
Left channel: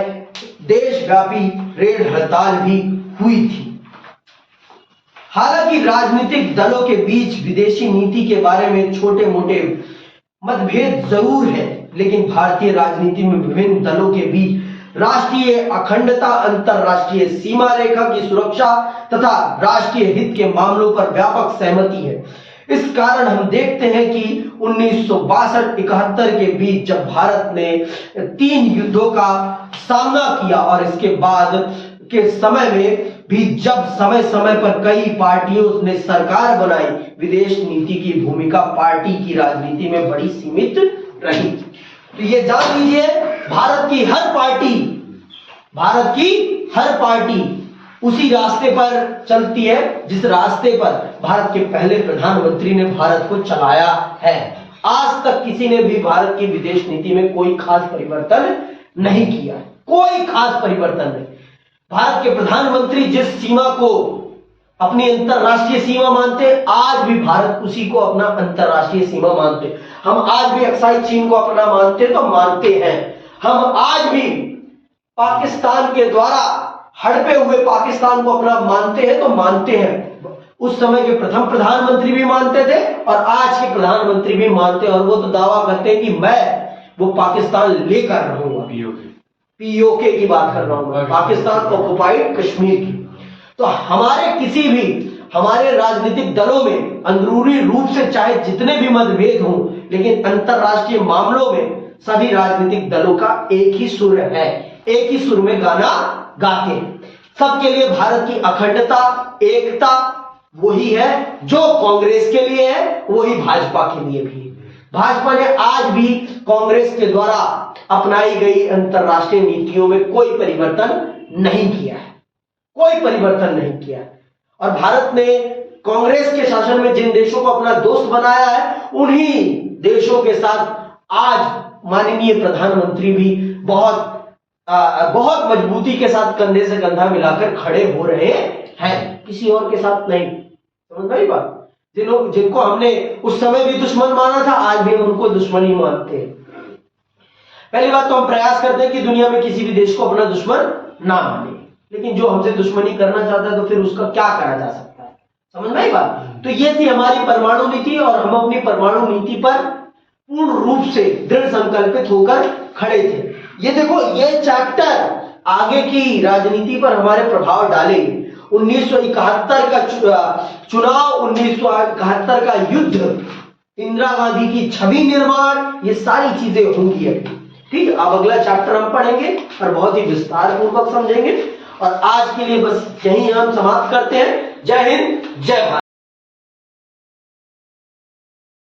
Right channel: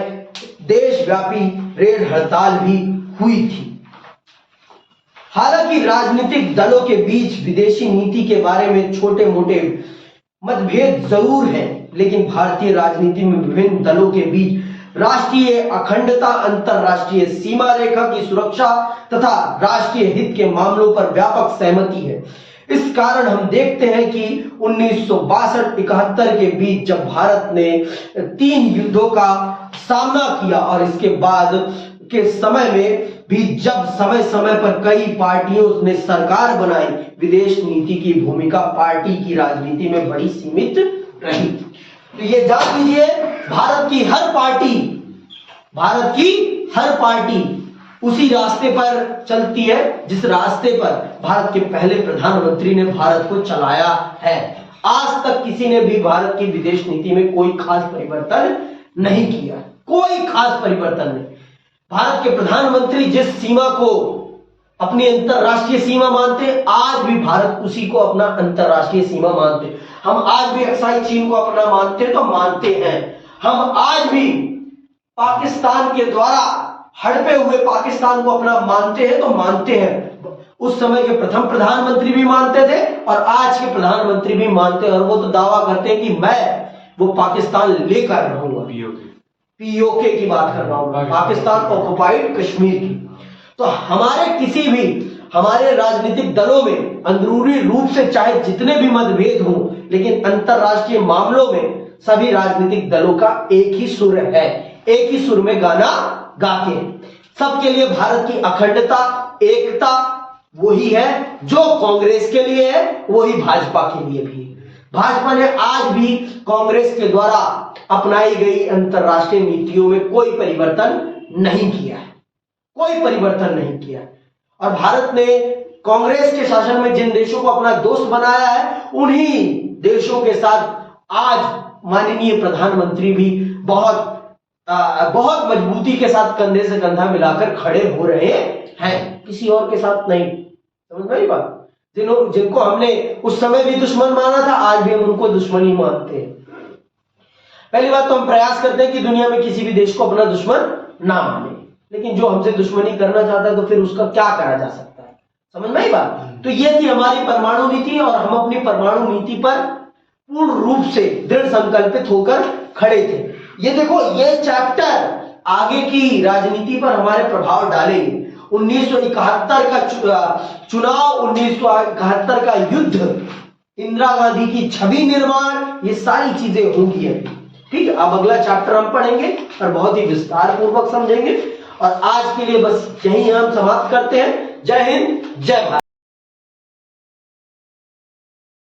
देशव्यापी रेल हड़ताल भी हुई थी। हालांकि राजनीतिक दलों के बीच विदेशी नीति के बारे में छोटे मोटे मतभेद जरूर हैं, लेकिन भारतीय राजनीति में विभिन्न दलों के बीच राष्ट्रीय अखंडता, अंतरराष्ट्रीय सीमा रेखा की सुरक्षा तथा राष्ट्रीय हित के मामलों पर व्यापक सहमति है। इस कारण हम देखते हैं कि 1962-71 के बीच जब भारत ने 3 युद्धों का सामना किया और इसके बाद के समय में भी जब समय समय पर कई पार्टियों ने सरकार बनाई, विदेश नीति की भूमिका पार्टी की राजनीति में बड़ी सीमित रही। तो ये जान लीजिए, भारत की हर पार्टी उसी रास्ते पर चलती है जिस रास्ते पर भारत के पहले प्रधानमंत्री ने भारत को चलाया है। आज तक किसी ने भी भारत की विदेश नीति में कोई खास परिवर्तन नहीं किया, कोई खास परिवर्तन नहीं। भारत के प्रधानमंत्री जिस सीमा को अपनी अंतरराष्ट्रीय सीमा मानते, आज भी भारत उसी को अपना अंतरराष्ट्रीय सीमा मानते। हम आज भी अक्साई चीन को अपना मानते तो मानते हैं। हम आज भी पाकिस्तान के द्वारा हड़पे हुए पाकिस्तान को अपना मानते हैं तो मानते हैं। उस समय के प्रथम प्रधानमंत्री भी मानते थे और आज के प्रधानमंत्री भी मानते हैं, और वो तो दावा करते हैं कि मैं वो पाकिस्तान लेकर रहूंगा। पीओके की बात कर रहा हूं मैं, पाकिस्तान ऑक्युपाइड कश्मीर की। तो हमारे राजनीतिक दलों में अंदरूनी रूप से चाहे जितने भी मतभेद हों, लेकिन अंतरराष्ट्रीय मामलों में सभी राजनीतिक दलों का एक ही सुर है, एक ही सुर में गाना गाते हैं। सबके लिए भारत की अखंडता, एकता वही है जो कांग्रेस के लिए है, वही भाजपा के लिए भी है। भाजपा ने आज भी कांग्रेस के द्वारा अपनाई गई अंतरराष्ट्रीय नीतियों में कोई परिवर्तन नहीं किया है, कोई परिवर्तन नहीं किया है। और भारत ने कांग्रेस के शासन में जिन देशों को अपना दोस्त बनाया है, उन्हीं देशों के साथ आज माननीय प्रधानमंत्री भी बहुत मजबूती के साथ कंधे से कंधा मिलाकर खड़े हो रहे हैं, किसी और के साथ नहीं। समझ में आई बात? जिनको हमने उस समय भी दुश्मन माना था, आज भी हम उनको दुश्मन ही मानते हैं। पहली बात तो हम प्रयास करते हैं कि दुनिया में किसी भी देश को अपना दुश्मन ना माने, लेकिन जो हमसे दुश्मनी करना चाहता है तो फिर उसका क्या करा जा सकता है। समझ में आई बात? तो ये थी हमारी परमाणु नीति, और हम अपनी परमाणु नीति पर पूर्ण रूप से दृढ़ संकल्पित होकर खड़े थे। ये देखो, ये चैप्टर आगे की राजनीति पर हमारे प्रभाव डालेंगे। 1971 का चुनाव, 1971 का युद्ध, इंदिरा गांधी की छवि निर्माण, ये सारी चीजें होंगी अभी। ठीक है, अब अगला चैप्टर हम पढ़ेंगे और बहुत ही विस्तार पूर्वक समझेंगे। और आज के लिए बस यही हम समाप्त करते हैं। जय हिंद, जय भारत।